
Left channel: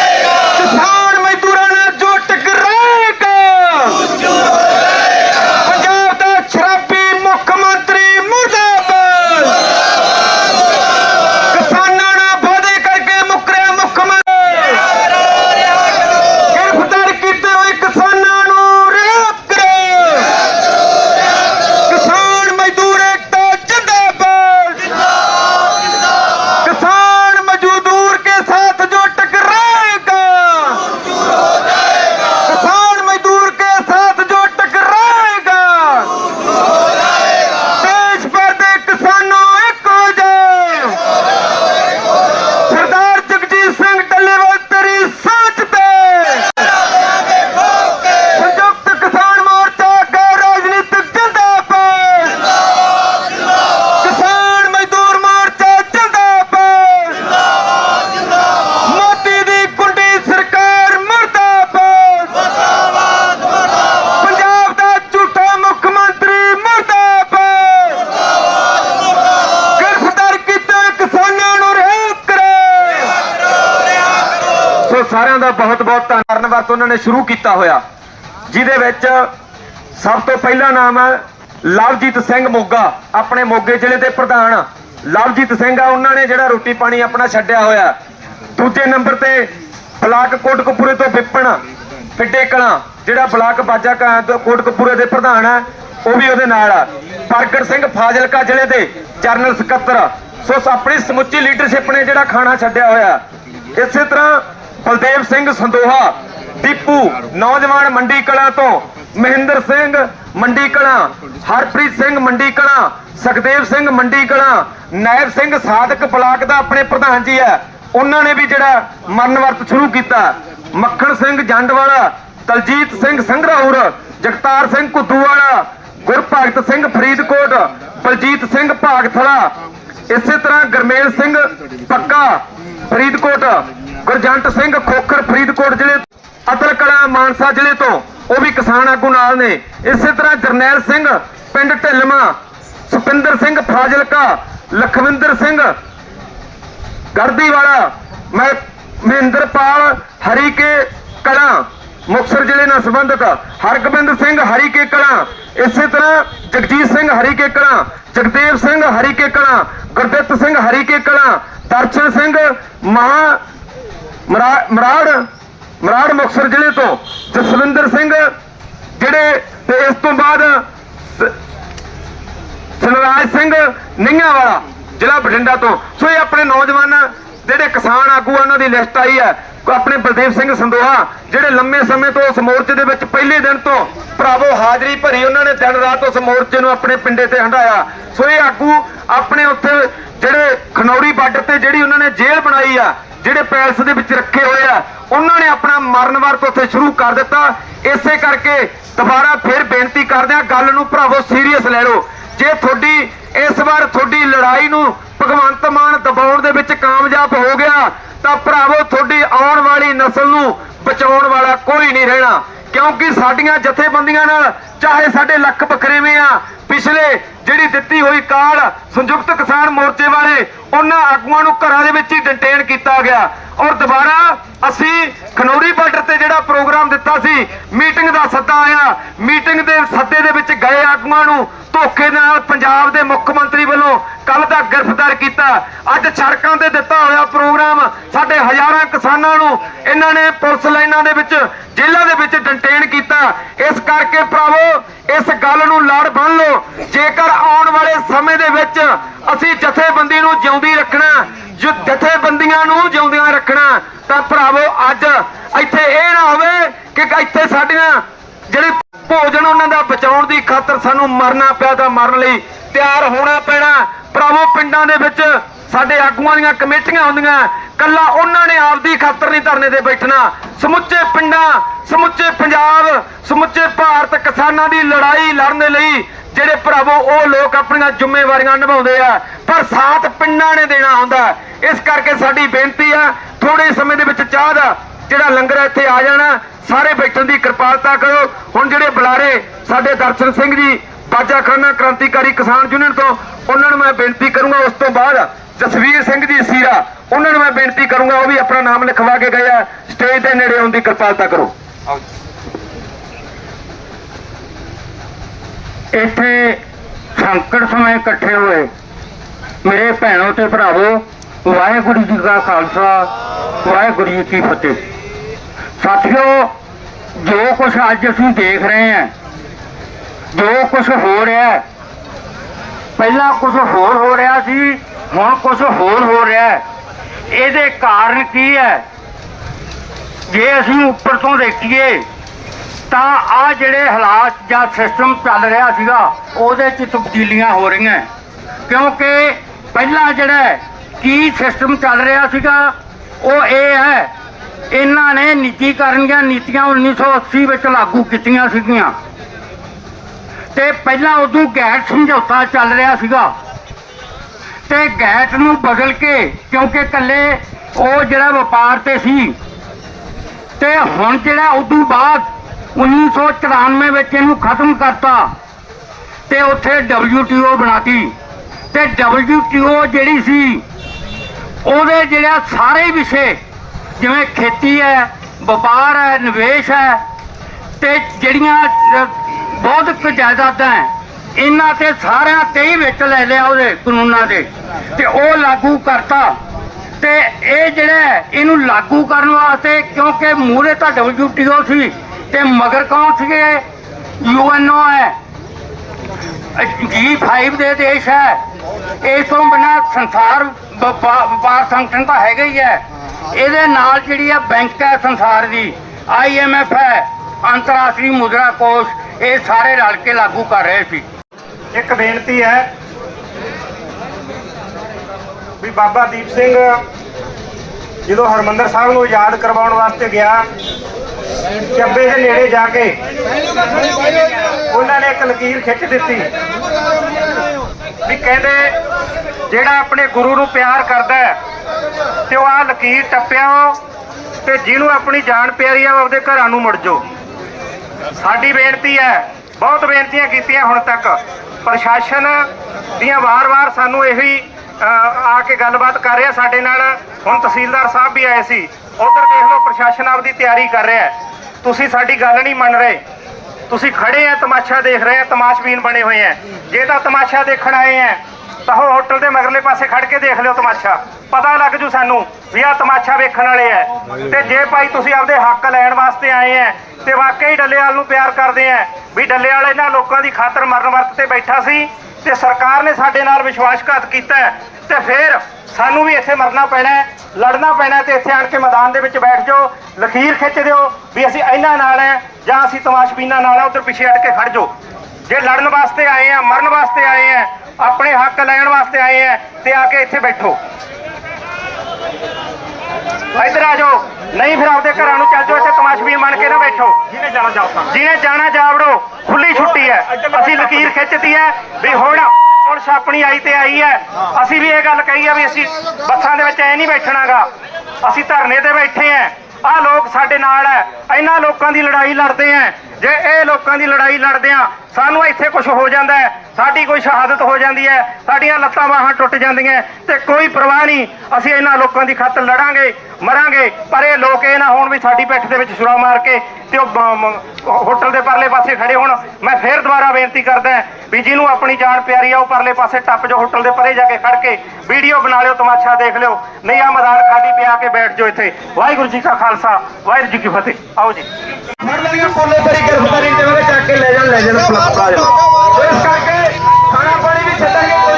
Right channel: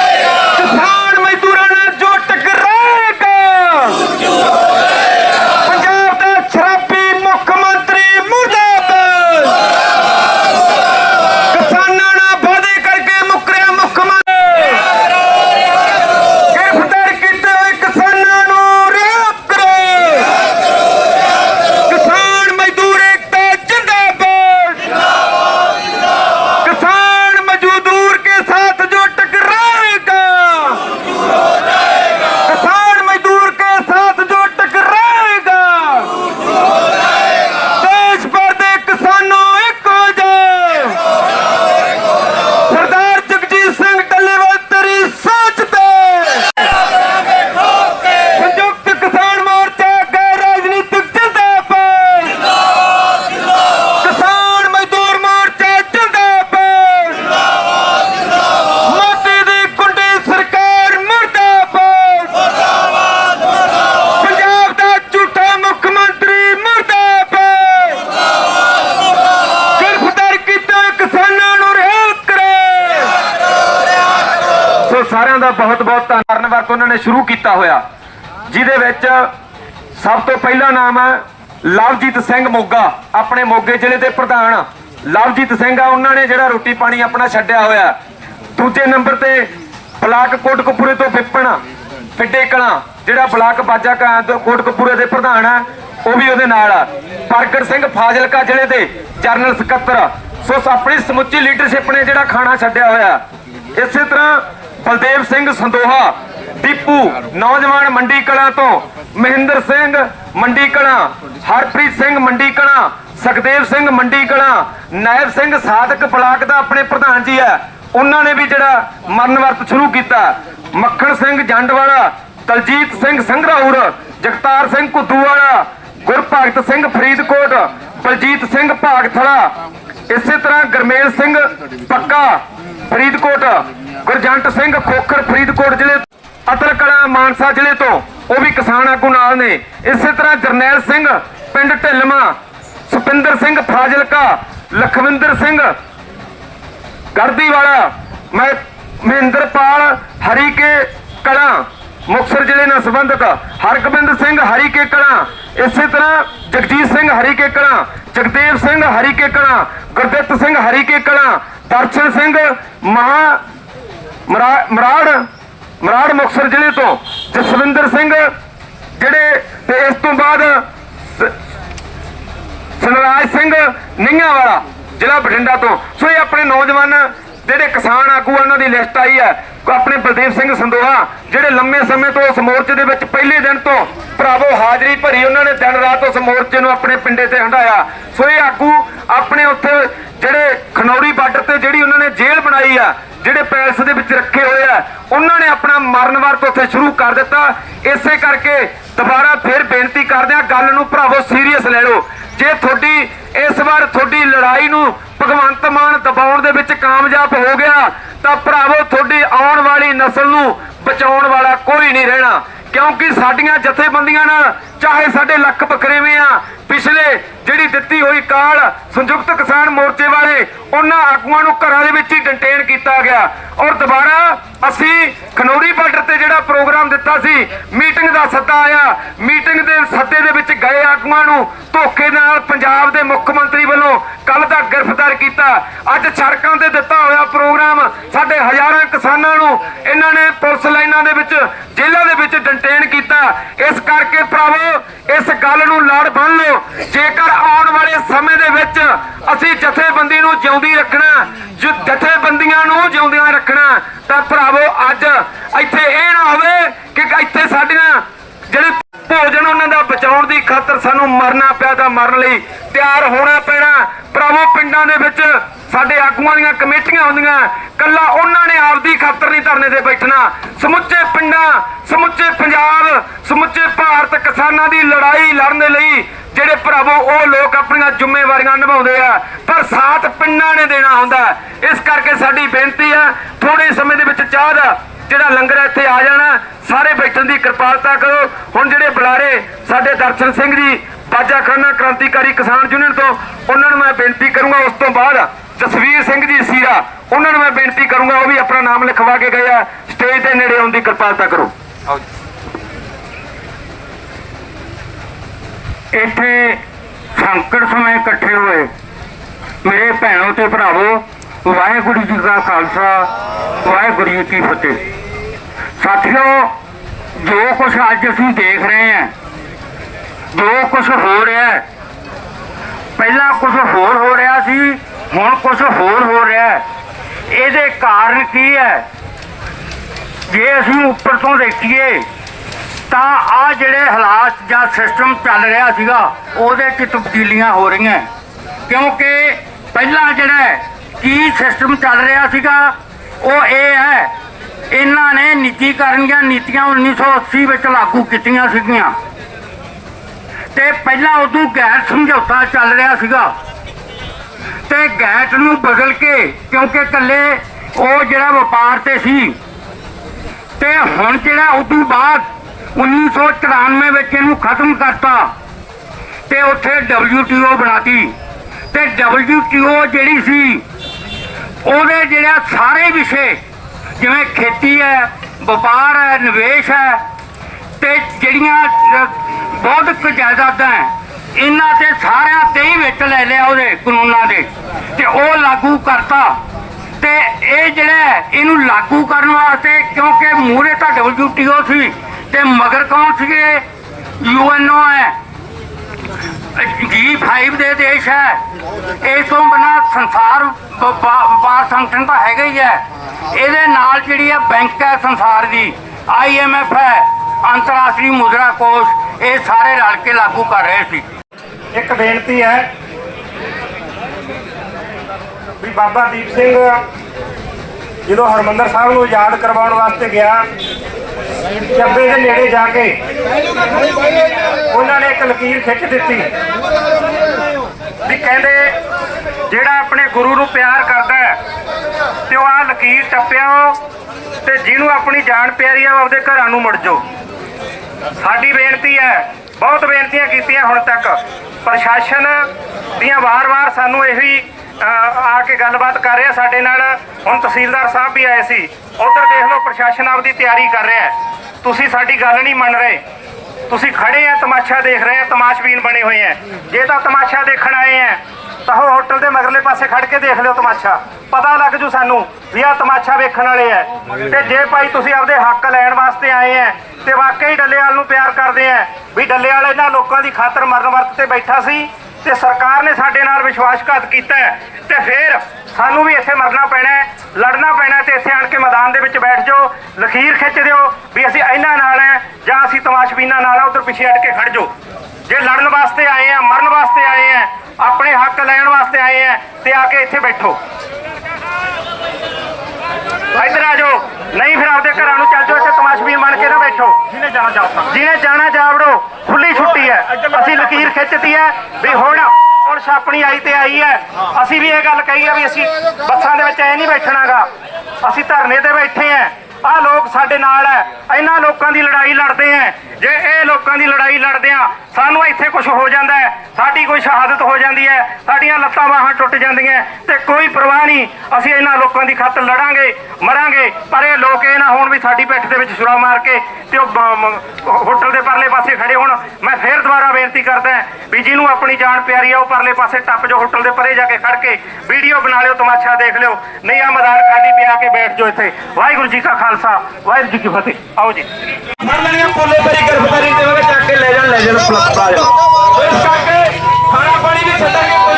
ਬਹੁਤ ਬਹੁਤ ਧੰਨਵਾਦ ਉਹਨਾਂ ਨੇ ਸ਼ੁਰੂ ਕੀਤਾ ਹੋਇਆ। ਜਿਹਦੇ ਵਿੱਚ ਸਭ ਤੋਂ ਪਹਿਲਾ ਨਾਮ ਹੈ ਲਵਜੀਤ ਸਿੰਘ ਮੋਗਾ, ਆਪਣੇ ਮੋਗੇ ਜ਼ਿਲ੍ਹੇ ਦੇ ਪ੍ਰਧਾਨ। ਲਵਜੀਤ ਸਿੰਘ ਆ, ਉਹਨਾਂ ਨੇ ਜਿਹੜਾ ਰੋਟੀ ਪਾਣੀ ਆਪਣਾ ਛੱਡਿਆ ਹੋਇਆ। ਦੂਜੇ ਨੰਬਰ ਤੇ ਬਲਾਕ ਕੋਟਕਪੂਰੇ ਤੋਂ ਵਿਪਨ ਫਿੱਡੇ ਕਲਾਂ ਜਿਹੜਾ ਬਲਾਕ ਬਾਜਾ ਕਾਂ ਤੋਂ ਕੋਟਕਪੂਰੇ ਦੇ ਪ੍ਰਧਾਨ ਹੈ, ਉਹ ਵੀ ਉਹਦੇ ਨਾਲ ਆ। ਪ੍ਰਗਟ ਸਿੰਘ ਫਾਜ਼ਿਲਕਾ ਜ਼ਿਲ੍ਹੇ ਦੇ ਜਨਰਲ ਸਕੱਤਰ। ਸੋ ਆਪਣੀ ਸਮੁੱਚੀ ਲੀਡਰਸ਼ਿਪ ਨੇ ਜਿਹੜਾ ਖਾਣਾ ਛੱਡਿਆ ਹੋਇਆ। ਇਸੇ ਤਰ੍ਹਾਂ ਬਲਦੇਵ ਸਿੰਘ ਸੰਦੋਹਾ, ਦੀਪੂ, ਨੌਜਵਾਨ ਮੰਡੀ ਕਲਾਂ ਤੋਂ ਮਹਿੰਦਰ ਸਿੰਘ ਮੰਡੀ ਕਲਾਂ, ਹਰਪ੍ਰੀਤ ਸਿੰਘ ਮੰਡੀ ਕਲਾਂ, ਸੁਖਦੇਵ ਸਿੰਘ ਮੰਡੀ ਕਲਾਂ, ਨਾਇਬ ਸਿੰਘ ਸਾਦਕ ਬਲਾਕ ਦਾ ਆਪਣੇ ਪ੍ਰਧਾਨ ਜੀ ਹੈ। ਉਹਨਾਂ ਨੇ ਵੀ ਜਿਹੜਾ ਮਰਨ ਵਰਤ ਸ਼ੁਰੂ ਕੀਤਾ। ਮੱਖਣ ਸਿੰਘ ਜੰਡਵਾਲਾ, ਦਲਜੀਤ ਸਿੰਘ ਸੰਘਰਾਉਰ ਜਗਤਾਰ ਸਿੰਘ ਕੁੱਦੂਵਾਲਾ, ਗੁਰਭਗਤ ਸਿੰਘ ਫਰੀਦਕੋਟ, ਬਲਜੀਤ ਸਿੰਘ ਭਾਗਥਲਾ। ਇਸੇ ਤਰ੍ਹਾਂ ਗਰਮੇਲ ਸਿੰਘ ਪੱਕਾ ਫਰੀਦਕੋਟ, ਗੁਰਜੰਟ ਸਿੰਘ ਖੋਖਰ ਫਰੀਦਕੋਟ ਜ਼ਿਲ੍ਹੇ ਅਤਰਕੜਾ ਮਾਨਸਾ ਜ਼ਿਲ੍ਹੇ ਤੋਂ, ਉਹ ਵੀ ਕਿਸਾਨ ਆਗੂ ਨਾਲ ਨੇ। ਇਸੇ ਤਰ੍ਹਾਂ ਜਰਨੈਲ ਸਿੰਘ, ਪਿੰਡ ਢਿੱਲਮਾ ਸੁਪਿੰਦਰ ਸਿੰਘ ਫਾਜ਼ਿਲਕਾ, ਲਖਵਿੰਦਰ ਸਿੰਘ ਗਰਦੀ ਵਾਲਾ ਮੈਂ ਮਹਿੰਦਰਪਾਲ ਹਰੀਕੇ ਕਲਾਂ, ਮੁਕਤਸਰ ਜ਼ਿਲ੍ਹੇ ਨਾਲ ਸੰਬੰਧਿਤ ਹਰਗੋਬਿੰਦ ਸਿੰਘ ਹਰੀਕੇ ਕਲਾਂ, ਇਸੇ ਤਰ੍ਹਾਂ ਜਗਜੀਤ ਸਿੰਘ ਹਰੀਕੇ ਕਲਾਂ, ਜਗਦੇਵ ਸਿੰਘ ਹਰੀਕੇ ਕਲਾਂ, ਗੁਰਦਿੱਤ ਸਿੰਘ ਹਰੀਕੇ ਕਲਾਂ ਦਰਸ਼ਨ ਸਿੰਘ ਮਹਾ ਮਰਾ- ਮਰਾੜ ਮਰਾੜ ਮੁਕਤਸਰ ਜ਼ਿਲ੍ਹੇ ਤੋਂ, ਜਸਵਿੰਦਰ ਸਿੰਘ ਜਿਹੜੇ ਤੇ ਇਸ ਤੋਂ ਬਾਅਦ ਸਨਰਾਜ ਸਿੰਘ ਨਿੰਗਾ ਵਾਲਾ ਜ਼ਿਲ੍ਹਾ ਬਠਿੰਡਾ ਤੋਂ। ਸੋ ਇਹ ਆਪਣੇ ਨੌਜਵਾਨ ਜਿਹੜੇ ਕਿਸਾਨ ਆਗੂ ਉਹਨਾਂ ਦੀ ਲਿਸਟ ਆਈ ਹੈ। ਆਪਣੇ ਬਲਦੇਵ ਸਿੰਘ ਸੰਦੋਹਾ ਜਿਹੜੇ ਲੰਮੇ ਸਮੇਂ ਤੋਂ ਉਸ ਮੋਰਚੇ ਦੇ ਵਿੱਚ ਪਹਿਲੇ ਦਿਨ ਤੋਂ ਭਰਾਵੋ ਹਾਜ਼ਰੀ ਭਰੀ ਉਹਨਾਂ ਨੇ ਦਿਨ ਰਾਤ ਉਸ ਮੋਰਚੇ ਨੂੰ ਆਪਣੇ ਪਿੰਡੇ ਤੇ ਹੰਡਾਇਆ ਸੋ ਇਹ ਆਗੂ ਆਪਣੇ ਉੱਥੇ ਜਿਹੜੇ ਖਨੌਰੀ ਬਾਰਡਰ ਤੇ ਜਿਹੜੀ ਉਹਨਾਂ ਨੇ ਜੇਲ੍ਹ ਬਣਾਈ ਆ, ਜਿਹੜੇ ਪੈਲਸ ਦੇ ਵਿੱਚ ਰੱਖੇ ਹੋਏ ਆ, ਉਹਨਾਂ ਨੇ ਆਪਣਾ ਮਰਨ ਵਰਤ ਉੱਥੇ ਸ਼ੁਰੂ ਕਰ ਦਿੱਤਾ। ਇਸੇ ਕਰਕੇ ਦੁਬਾਰਾ ਫਿਰ ਬੇਨਤੀ ਕਰਦੇ ਆ, ਗੱਲ ਨੂੰ ਭਰਾਵੋ ਸੀਰੀਅਸ ਲੈ ਲਓ। ਜੇ ਤੁਹਾਡੀ, ਇਸ ਵਾਰ ਤੁਹਾਡੀ ਲੜਾਈ ਨੂੰ ਭਗਵੰਤ ਮਾਨ ਦਬਾਉਣ ਦੇ ਵਿੱਚ ਕਾਮਯਾਬ ਹੋ ਗਿਆ, ਤਾਂ ਭਰਾਵੋ ਤੁਹਾਡੀ ਆਉਣ ਵਾਲੀ ਨਸਲ ਨੂੰ ਬਚਾਉਣ ਵਾਲਾ ਕੋਈ ਨਹੀਂ ਰਹਿਣਾ। ਕਿਉਂਕਿ ਸਾਡੀਆਂ ਜਥੇਬੰਦੀਆਂ ਨਾਲ, ਚਾਹੇ ਸਾਡੇ ਲੱਖ ਬਕਰੇਵੇਂ ਆ, ਪਿਛਲੇ ਜਿਹੜੀ ਦਿੱਤੀ ਹੋਈ ਕਾਲ ਸੰਯੁਕਤ ਕਿਸਾਨ ਮੋਰਚੇ ਵਾਲੇ ਉਹਨਾਂ ਆਗੂਆਂ ਨੂੰ ਘਰਾਂ ਦੇ ਵਿੱਚ ਹੀ ਡਿਟੇਨ ਕੀਤਾ ਗਿਆ। ਔਰ ਦੁਬਾਰਾ ਅਸੀਂ ਖਨੌਰੀ ਬਾਰਡਰ ਤੇ ਜਿਹੜਾ ਪ੍ਰੋਗਰਾਮ ਦਿੱਤਾ ਸੀ, ਮੀਟਿੰਗ ਦਾ ਸੱਦਾ ਆਇਆ। ਮੀਟਿੰਗ ਦੇ ਸੱਦੇ ਦੇ ਵਿੱਚ ਗਏ ਆਗੂਆਂ ਨੂੰ ਧੋਖੇ ਨਾਲ ਪੰਜਾਬ ਦੇ ਮੁੱਖ ਮੰਤਰੀ ਵੱਲੋਂ ਕੱਲ ਦਾ ਗ੍ਰਿਫਤਾਰ ਕੀਤਾ। ਅੱਜ ਸੜਕਾਂ ਤੇ ਦਿੱਤਾ ਹੋਇਆ ਪ੍ਰੋਗਰਾਮ ਸਾਡੇ ਹਜ਼ਾਰਾਂ ਕਿਸਾਨਾਂ ਨੂੰ ਇਹਨਾਂ ਨੇ ਪੁਲਿਸ ਲਾਈਨਾਂ ਦੇ ਵਿੱਚ, ਜੇਲ੍ਹਾਂ ਦੇ ਵਿੱਚ ਡਿਟੇਨ ਕੀਤਾ। ਇਸ ਕਰਕੇ ਭਰਾਵੋ, ਇਸ ਗੱਲ ਨੂੰ ਲੜ ਬੰਨ ਲਓ। ਜੇਕਰ ਆਉਣ ਵਾਲੇ ਸਮੇਂ ਦੇ ਵਿੱਚ ਅਸੀਂ ਜਥੇਬੰਦੀ ਨੂੰ ਜਿਉਂਦੀ ਰੱਖਣਾ, ਜੋ ਜਥੇਬੰਦੀਆਂ ਨੂੰ ਜਿਉਂਦੀਆਂ ਰੱਖਣਾ, ਤਾਂ ਭਰਾਵੋ ਅੱਜ ਇੱਥੇ ਇਹ ਨਾ ਹੋਵੇ ਕਿ ਇੱਥੇ ਸਾਡੀਆਂ ਜਿਹੜੇ ਭੋਜਨ ਉਹਨਾਂ ਦਾ ਬਚਾਉਣ ਦੀ ਖਾਤਰ ਸਾਨੂੰ ਮਰਨਾ ਪਿਆ ਤਾਂ ਮਰਨ ਲਈ ਤਿਆਰ ਹੋਣਾ ਪੈਣਾ। ਭਰਾਵੋ, ਪਿੰਡਾਂ ਦੇ ਵਿੱਚ ਸਾਡੇ ਆਗੂਆਂ ਦੀਆਂ ਕਮੇਟੀਆਂ ਹੁੰਦੀਆਂ, ਕੱਲਾ ਉਹਨਾਂ ਨੇ ਆਪਦੀ ਖਾਤਰ ਨਹੀਂ ਧਰਨੇ ਤੇ ਬੈਠਣਾ। ਸਮੁੱਚੇ ਪਿੰਡਾਂ, ਸਮੁੱਚੇ ਪੰਜਾਬ, ਸਮੁੱਚੇ ਭਾਰਤ ਕਿਸਾਨਾਂ ਦੀ ਲੜਾਈ ਲੜਨ ਦੇ ਲਈ ਜਿਹੜੇ ਭਰਾਵੋ, ਉਹ ਲੋਕ ਆਪਣੀਆਂ ਜ਼ਿੰਮੇਵਾਰੀਆਂ ਨਿਭਾਉਂਦੇ ਆ, ਪਰ ਸਾਥ ਪਿੰਡਾਂ ਨੇ ਦੇਣਾ ਹੁੰਦਾ ਇਸ ਕਰਕੇ ਸਾਡੀ ਬੇਨਤੀ ਹੈ ਥੋੜੇ ਸਮੇਂ ਦੇ ਵਿੱਚ ਚਾਹ ਦਾ ਜਿਹੜਾ ਲੰਗਰ ਹੈ, ਇੱਥੇ ਆ ਜਾਣਾ ਸਾਰੇ ਬੈਠਣ ਦੀ ਕਿਰਪਾਲਤਾ ਕਰੋ। ਹੁਣ ਜਿਹੜੇ ਬੁਲਾਰੇ, ਸਾਡੇ ਦਰਸ਼ਨ ਸਿੰਘ ਜੀ, ਬਾਜਾਖਾਨਾ ਕ੍ਰਾਂਤੀਕਾਰੀ ਕਿਸਾਨ ਯੂਨੀਅਨ ਤੋਂ, ਉਹਨਾਂ ਨੂੰ ਮੈਂ ਬੇਨਤੀ ਕਰੂੰਗਾ, ਉਸ ਤੋਂ ਬਾਅਦ ਜਸਵੀਰ ਸਿੰਘ ਜੀ ਸੀਰਾ, ਉਹਨਾਂ ਨੂੰ ਮੈਂ ਬੇਨਤੀ ਕਰੂੰਗਾ, ਉਹ ਵੀ ਆਪਣਾ ਨਾਮ ਲਿਖਵਾ ਕੇ ਗਏ ਆ। ਸਟੇਜ ਦੇ ਨੇੜੇ ਆਉਣ ਦੀ ਕਿਰਪਾਲਤਾ ਕਰੋ। ਇੱਥੇ ਸੰਕਟ ਸਮੇਂ ਇਕੱਠੇ ਹੋਏ। ਮੇਰੇ ਭੈਣੋ ਤੇ ਭਰਾਵੋ, ਵਾਹਿਗੁਰੂ ਜੀ ਕਾ ਖਾਲਸਾ, ਵਾਹਿਗੁਰੂ ਜੀ ਕੀ ਫਤਿਹ। ਸਾਥੀਓ, ਜੋ ਕੁਝ ਅੱਜ ਅਸੀਂ ਦੇਖ ਰਹੇ ਹਾਂ, ਜੋ ਕੁਝ ਹੋ ਰਿਹਾ ਹੈ, ਪਹਿਲਾਂ ਕੁਝ ਹੋਰ ਹੋ ਰਿਹਾ ਸੀ, ਹੁਣ ਕੁਝ ਹੋਰ ਹੋ ਰਿਹਾ ਹੈ। ਇਹਦੇ ਕਾਰਨ ਕੀ ਹੈ? ਜੇ ਅਸੀਂ ਉੱਪਰ ਤੋਂ ਦੇਖੀਏ ਤਾਂ ਆ ਜਿਹੜੇ ਹਾਲਾਤ ਜਾਂ ਸਿਸਟਮ ਚੱਲ ਰਿਹਾ ਸੀਗਾ, ਉਹਦੇ 'ਚ ਤਬਦੀਲੀਆਂ ਹੋ ਰਹੀਆਂ। ਕਿਉਂਕਿ ਪਹਿਲਾਂ ਜਿਹੜਾ ਕੀ ਸਿਸਟਮ ਚੱਲ ਰਿਹਾ ਸੀਗਾ, ਉਹ ਇਹ ਹੈ, ਇਹਨਾਂ ਨੇ ਨੀਤੀਕਰਨ ਦੀਆਂ ਨੀਤੀਆਂ 1980 ਵਿੱਚ ਲਾਗੂ ਕੀਤੀਆਂ ਸੀਗੀਆਂ। ਤੇ ਪਹਿਲਾਂ ਉਦੋਂ ਗੈਰ ਸਮਝੌਤਾ ਚੱਲ ਰਿਹਾ ਸੀਗਾ। ਤੇ ਗੈਟ ਨੂੰ ਬਦਲ ਕੇ, ਕਿਉਂਕਿ ਕੱਲੇ ਉਹ ਜਿਹੜਾ ਵਪਾਰ ਤੇ ਸੀ, ਤੇ ਹੁਣ ਜਿਹੜਾ ਉਦੋਂ ਬਾਅਦ 1994 ਵਿੱਚ ਇਹਨੂੰ ਖਤਮ ਕਰਤਾ ਤੇ ਉੱਥੇ WTO ਬਣਾਤੀ ਤੇ WTO ਜਿਹੜੀ ਸੀ ਉਹਦੇ ਜਿਹੜਾ ਸਾਰੇ ਵਿਸ਼ੇ ਜਿਵੇਂ ਖੇਤੀ ਹੈ ਵਪਾਰ ਹੈ ਨਿਵੇਸ਼ ਹੈ ਤੇ ਜਿਹੜੀਆਂ ਅ, ਬੌਧਿਕ ਜਾਇਦਾਦਾਂ ਹੈ ਇਹਨਾਂ ਤੇ ਸਾਰਿਆਂ ਤੇ ਹੀ ਵਿੱਚ ਲੈ ਲਿਆ ਉਹਦੇ ਕਾਨੂੰਨਾਂ ਦੇ ਤੇ ਉਹ ਲਾਗੂ ਕਰਤਾ। ਤੇ ਇਹ ਜਿਹੜਾ ਇਹਨੂੰ ਲਾਗੂ ਕਰਨ ਵਾਸਤੇ ਕਿਉਂਕਿ ਮੂਹਰੇ ਤਾਂ WTO ਸੀ ਤੇ ਮਗਰ ਕੌਣ ਸੀਗੇ? ਯੂਐਨਓ ਹੈ। G5 ਦੇ ਦੇਸ਼ ਹੈ। ਇਸ ਤੋਂ ਬਿਨਾ ਸੰਸਾਰ ਵਪਾ- ਵਪਾਰ ਸੰਗਠਨ ਤਾਂ ਹੈਗਾ ਹੀ ਹੈ। ਇਹਦੇ ਨਾਲ ਜਿਹੜੀ ਆ ਬੈਂਕ ਹੈ ਸੰਸਾਰ ਦੀ IMF ਹੈ, ਅੰਤਰਰਾਸ਼ਟਰੀ ਮੁਦਰਾ ਕੋਸ਼, ਇਹ ਸਾਰੇ ਰਲ ਕੇ ਲਾਗੂ ਕਰ ਰਹੇ ਸੀ। ਇੱਕ ਬੇਨਤੀ ਹੈ ਵੀ ਬਾਬਾ ਦੀਪ ਸਿੰਘ ਜਦੋਂ ਹਰਮੰਦਰ ਸਾਹਿਬ ਨੂੰ ਯਾਦ ਕਰਵਾਉਣ ਵਾਸਤੇ ਗਿਆ ਚੱਬੇ ਦੇ ਨੇੜੇ ਜਾ ਕੇ ਉਹਨਾਂ ਨੇ ਇੱਕ ਲਕੀਰ ਖਿੱਚ ਦਿੱਤੀ ਵੀ ਕਹਿੰਦੇ ਜਿਹੜਾ ਆਪਣੇ ਗੁਰੂ ਨੂੰ ਪਿਆਰ ਕਰਦਾ ਹੈ ਤੇ ਉਹ ਆ ਲਕੀਰ ਟੱਪਿਆ ਤੇ ਜਿਹਨੂੰ ਆਪਣੀ ਜਾਨ ਪਿਆਰੀ ਆ, ਉਹ ਆਪਦੇ ਘਰਾਂ ਨੂੰ ਮੁੜ ਜਾਓ। ਸਾਡੀ ਬੇਨਤੀ ਹੈ, ਬਹੁਤ ਬੇਨਤੀਆਂ ਕੀਤੀਆਂ ਹੁਣ ਤੱਕ। ਪ੍ਰਸ਼ਾਸਨ ਦੀਆਂ ਵਾਰ-ਵਾਰ ਸਾਨੂੰ ਇਹੀ ਆ ਕੇ ਗੱਲਬਾਤ ਕਰ ਰਿਹਾ। ਸਾਡੇ ਨਾਲ ਹੁਣ ਤਹਿਸੀਲਦਾਰ ਸਾਹਿਬ ਵੀ ਆਏ ਸੀ। ਉਧਰ ਦੇਖ ਲਓ, ਪ੍ਰਸ਼ਾਸਨ ਆਪਦੀ ਤਿਆਰੀ ਕਰ ਰਿਹਾ ਤੁਸੀਂ ਸਾਡੀ ਗੱਲ ਨਹੀਂ ਮੰਨ ਰਹੇ। ਤੁਸੀਂ ਖੜੇ ਆ, ਤਮਾਸ਼ਾ ਦੇਖ ਰਹੇ ਆ, ਤਮਾਸ਼ਬੀਨ ਬਣੇ ਹੋਏ ਆ। ਜੇ ਤਾਂ ਤਮਾਸ਼ਾ ਦੇਖਣ ਆਏ ਆ, ਤਾਂ ਉਹ ਹੋਟਲ ਦੇ ਮਗਰਲੇ ਪਾਸੇ ਖੜ ਕੇ ਦੇਖ ਲਿਓ ਤਮਾਸ਼ਾ। ਪਤਾ ਲੱਗ ਜੂ ਸਾਨੂੰ ਵੀ ਆ ਤਮਾਸ਼ਾ ਵੇਖਣ ਵਾਲੇ ਆ। ਤੇ ਜੇ ਭਾਈ ਤੁਸੀਂ ਆਪਦੇ ਹੱਕ ਲੈਣ ਵਾਸਤੇ ਆਏ ਆ, ਤੇ ਵਾਕਈ ਡੱਲੇਵਾਲ ਨੂੰ ਪਿਆਰ ਕਰਦੇ ਆ ਵੀ ਡੱਲੇਵਾਲ ਇਹਨਾਂ ਲੋਕਾਂ ਦੀ ਖਾਤਰ ਮਰਨ ਵਰਤ ਤੇ ਬੈਠਾ ਸੀ, ਤੇ ਸਰਕਾਰ ਨੇ ਸਾਡੇ ਨਾਲ ਵਿਸ਼ਵਾਸਘਾਤ ਕੀਤਾ ਤੇ ਫਿਰ ਸਾਨੂੰ ਵੀ ਇੱਥੇ ਮਰਨਾ ਪੈਣਾ ਹੈ ਲੜਨਾ ਪੈਣਾ ਤੇ ਇੱਥੇ ਆਣ ਕੇ ਮੈਦਾਨ ਦੇ ਵਿੱਚ ਬੈਠ ਜਾਓ ਲਖੀਰ ਖਿੱਚ ਦਿਓ ਵੀ ਅਸੀਂ ਇਹਨਾਂ ਨਾਲ ਹੈ ਜਾਂ ਅਸੀਂ ਤਮਾਸ਼ਬੀਨਾਂ ਨਾਲ ਆ ਉਧਰ ਪਿੱਛੇ ਹਟ ਕੇ ਖੜ ਜਾਓ। ਜੇ ਲੜਨ ਵਾਸਤੇ ਆਏ ਆ ਮਰਨ ਵਾਸਤੇ ਆਏ ਆ ਆਪਣੇ ਹੱਕ ਲੈਣ ਵਾਸਤੇ ਆਏ ਆ ਤੇ ਆ ਕੇ ਇੱਥੇ ਬੈਠੋ। ਇੱਧਰ ਆ ਜਾਓ। ਨਹੀਂ ਫਿਰ ਆਪਦੇ ਘਰਾਂ ਨੂੰ ਚੱਲ ਜਾਓ ਇੱਥੇ ਤਮਾਸ਼ਬੀਨ ਬਣ ਕੇ ਨਾ ਬੈਠੋ। ਜਿਹਨੇ ਜਾਣਾ ਜਾਓ ਜਿਹਨੇ ਜਾਣਾ ਜਾਵੜੋ ਖੁੱਲੀ ਛੁੱਟੀ ਹੈ। ਅਸੀਂ ਲਕੀਰ ਖਿੱਚਤੀ ਹੈ ਵੀ ਹੁਣ ਹੁਣ ਛਾਪਣੀ ਆਈ ਤੇ ਆਈ ਹੈ। ਅਸੀਂ ਵੀ ਇਹ ਗੱਲ ਕਹੀ ਆ ਵੀ ਅਸੀਂ ਬੱਸਾਂ ਦੇ ਵਿੱਚ ਐ ਨਹੀਂ ਬੈਠਣਾਗਾ। ਅਸੀਂ ਧਰਨੇ ਤੇ ਬੈਠੇ ਆ। ਆਹ ਲੋਕ ਸਾਡੇ ਨਾਲ ਹੈ। ਇਹਨਾਂ ਲੋਕਾਂ ਦੀ ਲੜਾਈ ਲੜਦੇ ਆ। ਜੇ ਇਹ ਲੋਕਾਂ ਦੀ ਲੜਾਈ ਲੜਦੇ ਆ ਸਾਨੂੰ ਇੱਥੇ ਕੁਝ ਹੋ ਜਾਂਦਾ ਹੈ, ਸਾਡੀ ਕੋਈ ਸ਼ਹਾਦਤ ਹੋ ਜਾਂਦੀ ਹੈ, ਸਾਡੀਆਂ ਲੱਤਾਂ ਬਾਹਾਂ ਟੁੱਟ ਜਾਂਦੀਆਂ ਤੇ ਕੋਈ ਪਰਵਾਹ ਨਹੀਂ, ਅਸੀਂ ਇਹਨਾਂ ਲੋਕਾਂ ਦੀ ਖਾਤਰ ਲੜਾਂਗੇ, ਮਰਾਂਗੇ, ਪਰ ਇਹ ਲੋਕ ਇਹ ਨਾ ਹੋਣ ਵੀ ਸਾਡੀ ਪਿੱਠ ਦੇ ਵਿੱਚ ਸੁਰਾ ਮਾਰ ਕੇ ਤੇ ਉਹ ਹੋਟਲ ਦੇ ਪਰਲੇ ਪਾਸੇ ਖੜੇ ਹੋਣ। ਮੈਂ ਫੇਰ ਦੁਬਾਰਾ ਬੇਨਤੀ ਕਰਦਾ ਵੀ ਜਿਹਨੂੰ ਆਪਣੀ ਜਾਨ ਪਿਆਰੀ ਆ, ਉਹ ਪਰਲੇ ਪਾਸੇ ਟੱਪ ਜਾਓ, ਹੋਟਲ ਦੇ ਪਰੇ ਜਾ ਕੇ ਖੜ ਕੇ ਵੀਡੀਓ ਬਣਾ ਲਿਓ, ਤਮਾਸ਼ਾ ਦੇਖ ਲਿਓ। ਨਹੀਂ ਆ ਮੈਦਾਨ ਖਾਲੀ ਪਿਆ ਕੇ ਬੈਠ ਜਾਓ ਇੱਥੇ। ਵਾਹਿਗੁਰੂ ਜੀ ਕਾ ਖਾਲਸਾ, ਵਾਹਿਗੁਰੂ ਜੀ ਕੀ ਫਤਿਹ। ਆਓ ਜੀ। ਮਰ ਲੈਣੇ ਪੋਲੇ ਤੇਰੀ ਗ੍ਰਿਫਤਾਰੀ ਤੇ ਉਹ ਚੱਕ ਕੇ ਲੈ ਜਾਣ ਲੈ ਜਾਣ ਇਸ ਕਰਕੇ ਖਾਣਾ ਪਾਣੀ ਵੀ ਛੱਡਣਗੇ।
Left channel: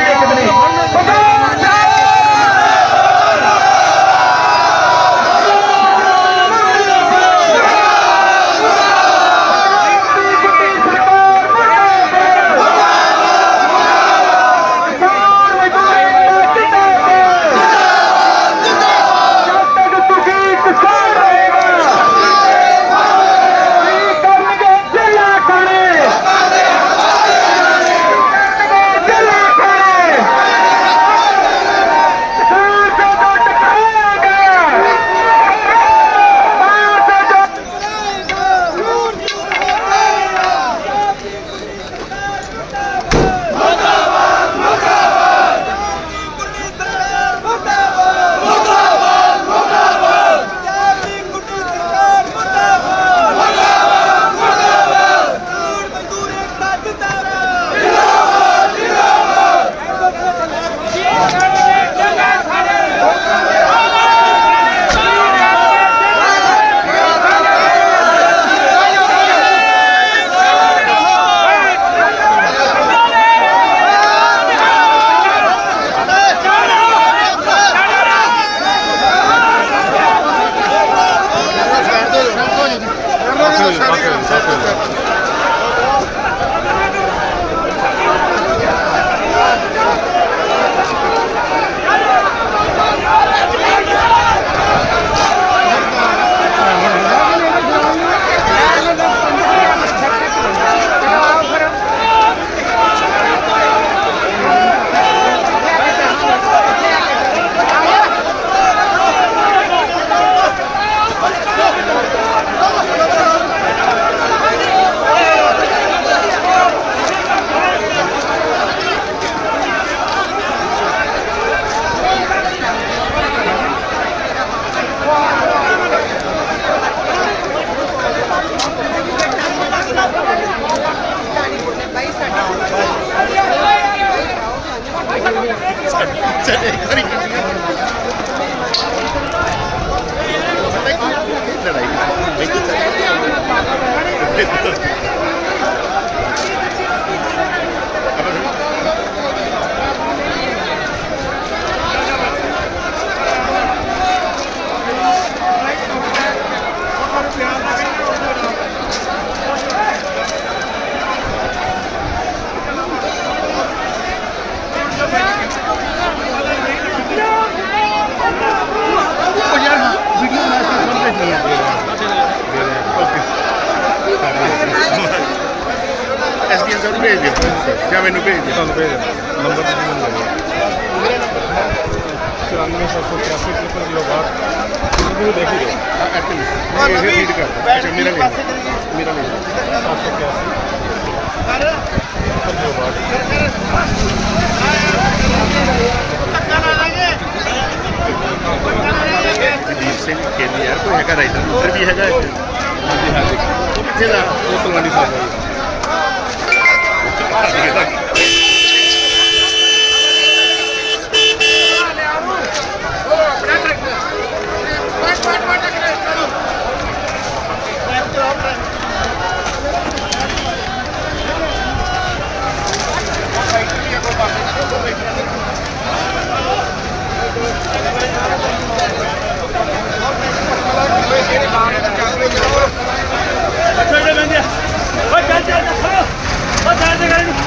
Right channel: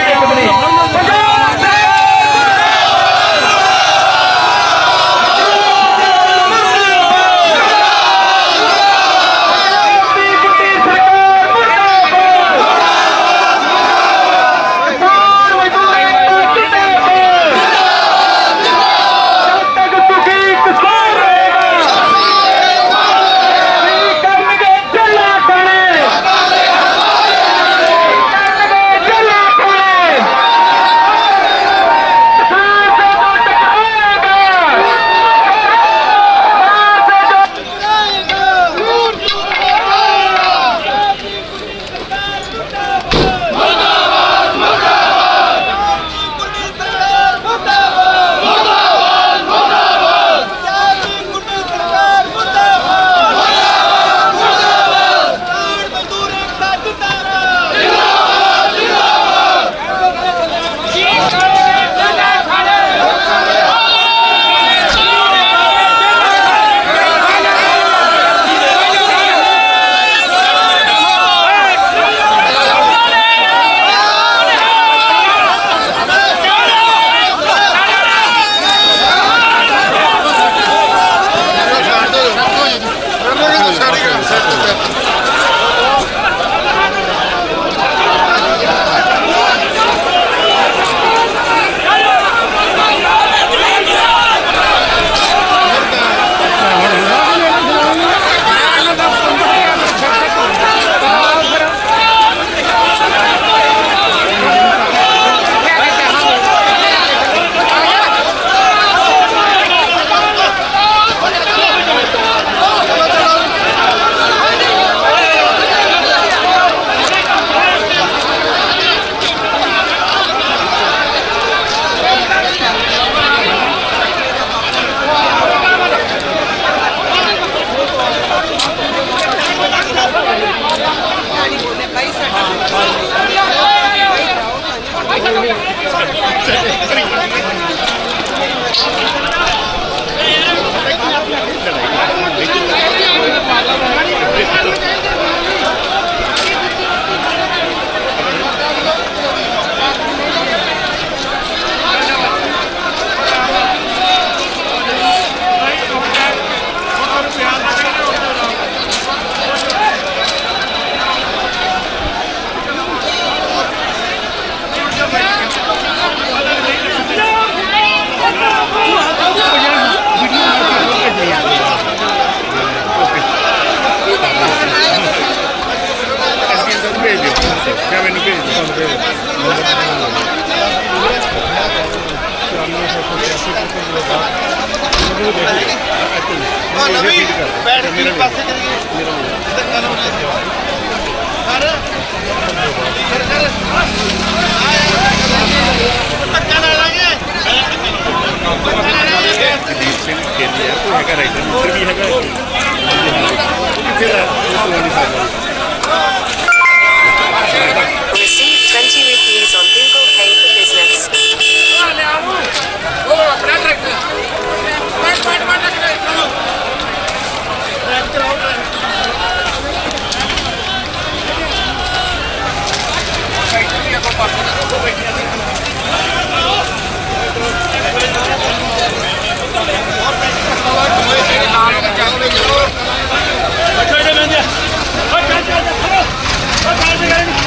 つい。Ya ven, ven, ven, ven, ven, ven, ven, ven, ven, ven, ven, ven, ven, ven, Kita ਬੈਠੋ ਇਹਦੇ ਲੰਦੇ ਆ ਚੱਲ ਚੱਲ ਚੱਲ ਚੱਲ ਚੱਲ ਚੱਲ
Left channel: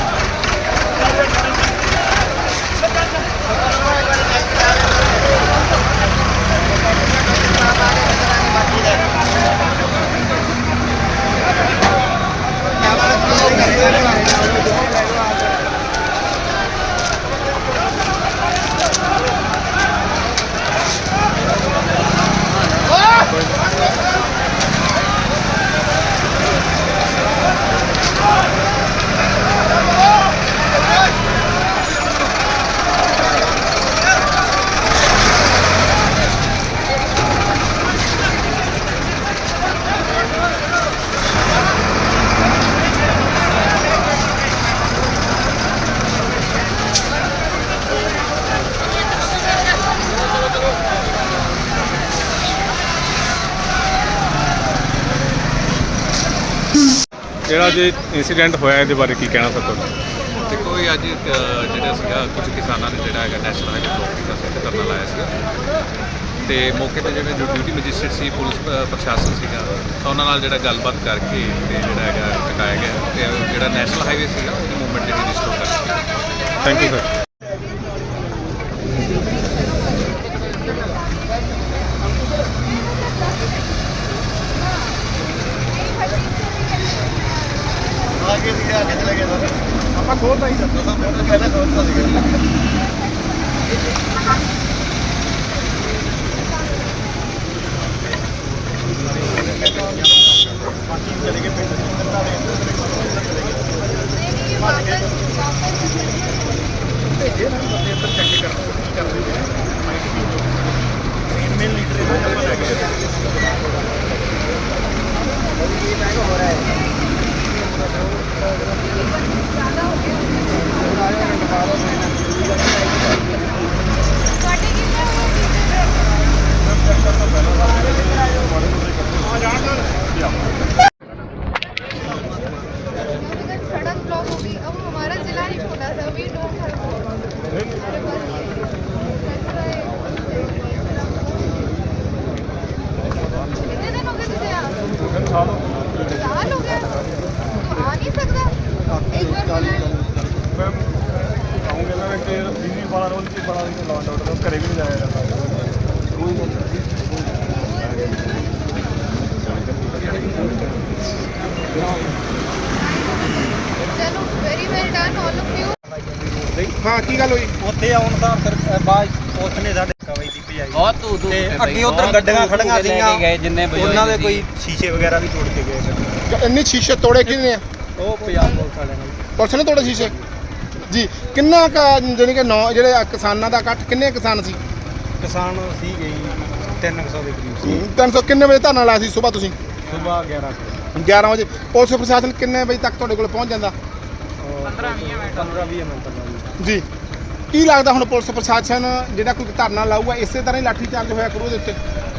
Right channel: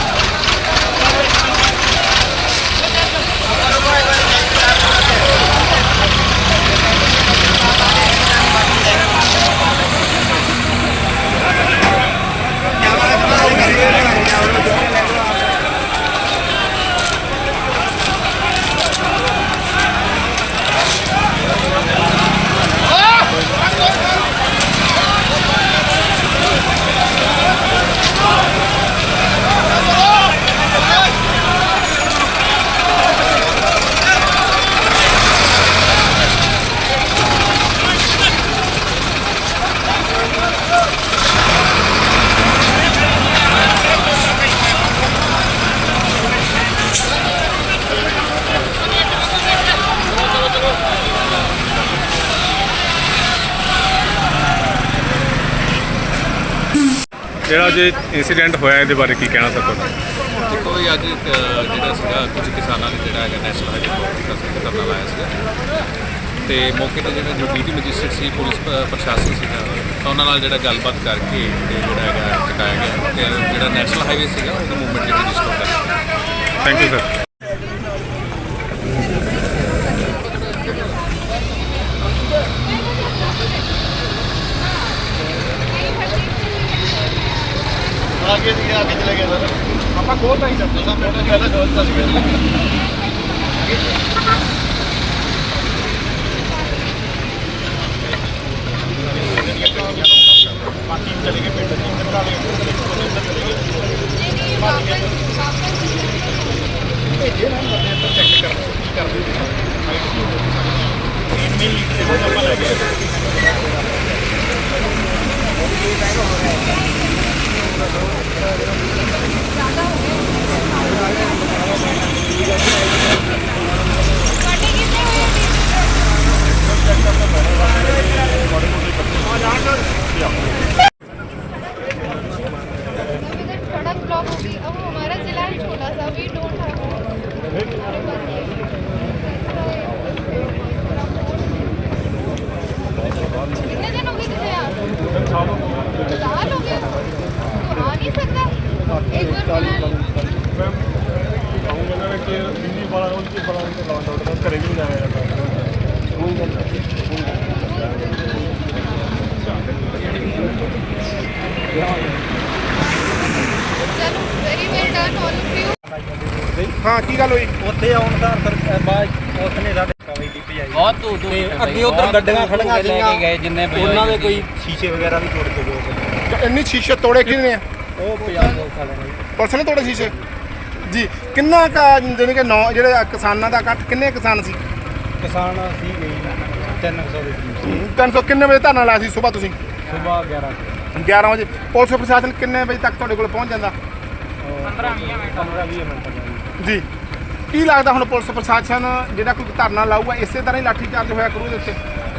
ਜਿਹੜਾ ਜੇ ਇਨਸੀਡੈਂਟ ਹੋਇਆ ਇਹਦੇ ਬਾਰੇ ਕੀ ਕਹਿਣਾ ਤੁਹਾਡਾ? ਦੇਖੋ ਇਹ ਅੱਜ ਜਿਹੜਾ ਸੀਗਾ ਕੁਝ ਕਿਸਾਨਾਂ ਨੇ ਜਿਹੜਾ ਹੈਗਾ ਨੈਸ਼ਨਲ ਹਾਈਵੇ ਬਲੌਕ ਕੀਤਾ ਸੀ ਤੇ ਧਰਨਾ ਲਾਇਆ ਸੀਗਾ। ਤੇ ਮੌਕੇ ਤੇ ਜਿਵੇਂ ਜੋ ਡਿਊਟੀ ਮੈਜਿਸਟਰੇਟ ਸੀ ਪੁਲਿਸ ਪ੍ਰਸ਼ਾਸਨ ਸੀਗਾ ਤਾਂ ਉਹਨਾਂ ਨਾਲ ਜਿਹੜਾ ਗੱਲਬਾਤ ਕਰਕੇ ਤੇ ਜਿਹੜਾ ਹੈਗਾ ਚੁਕਾਇਆ ਗਿਆ। ਤੇ ਜਿਹੜਾ ਨੈਸ਼ਨਲ ਹਾਈਵੇ ਸੀਗਾ ਉਹਦੀ ਮੂਵਮੈਂਟ ਜਿਹੜੀ ਰਿਸਟੋਰ ਕਰ ਦਿੱਤੀ। ਥੈਂਕ ਯੂ ਸਰ ਆਪਾਂ ਖੋਲਦਾ ਹੀ ਦੱਸੋ ਸਭ ਮਿੰਟ ਪਹਿਲਾਂ ਖੋਲਦਾ ਸੀ। ਬਾਕੀ ਚਲੇ ਗਏ ਪਿੰਡ ਚ ਇੱਧਰ ਵਾਲੇ ਇੱਧਰ ਚਲੇ ਗਏ ਇੱਧਰ ਚਲੇ ਗਏ। ਭੇਜੇ ਨਾ ਬੰਦੇ ਇੱਧਰ ਚੈੱਕ ਕਰਨ ਕੀ ਕਰਦੇ ਨੇ। ਬਹੁਤ ਤੇ ਅੱਗੇ ਉਧਰ ਗੱਡੀਆਂ ਖੜੀਆਂ ਸੀਗੀਆਂ। ਉਹਨਾਂ ਦੇ ਕੋਈ ਸ਼ੀਸ਼ੇ ਵਗੈਰਾ ਵੀ ਤੋੜ ਕੇ ਗਏ ਸਰ ਇੰਨੀ ਸ਼ੀਸ਼ੇ ਤੋੜੇ ਕਿਹਨੇ ਨੇ ਉਹ ਪੰਜਾਬ ਪੁਲਿਸ ਵਾਲਿਆਂ ਨੇ। ਪੁਲਿਸ ਨੇ ਤੋੜੇ ਸ਼ੀਸ਼ੇ? ਜੀ ਕਿੰਨਾ ਕਾ ਜਾਣੀ ਕਿ ਨੌ ਜਿਹੜੇ ਆ ਕਿਸਾਨਾਂ ਦਾ ਇਕੱਠ ਕਿੰਨੇ ਕਿਸਾਨ ਸੀ? ਕਿਸਾਨ ਸੀ ਗਈ 300 ਦੇ ਕਰੀਬ 300 ਕਿੰਨੇ ਵਜੇ ਧਰਨਾ ਲਾਇਆ ਸੀ ਸਵੇਰ ਤੁਸੀਂ? ਸਵੇਰ 11 ਵਜੇ। 11 ਵਜੇ। ਪੁਲਿਸ ਪ੍ਰਸ਼ਾਸਨ ਕਿੰਨੇ ਵਜੇ ਤੱਕ ਤੁਹਾਡੇ ਕੋਲ ਪਹੁੰਚ ਜਾਂਦਾ? 15 20 ਮਿੰਟ। ਜੀ। ਕੀ ਲੱਗਦਾ ਹੁਣ ਪੁਲਿਸ ਪ੍ਰਸ਼ਾਸਨ ਜਿਹੜਾ ਕੋਈ ਧਰਨਾ ਲਾਊਗਾ ਇਸੇ ਤਰ੍ਹਾਂ ਹੀ ਲਾਠੀ ਚਾਰਜ ਹੋਇਆ ਕਰੂ ਉਹਦੇ ਉੱਤੇ?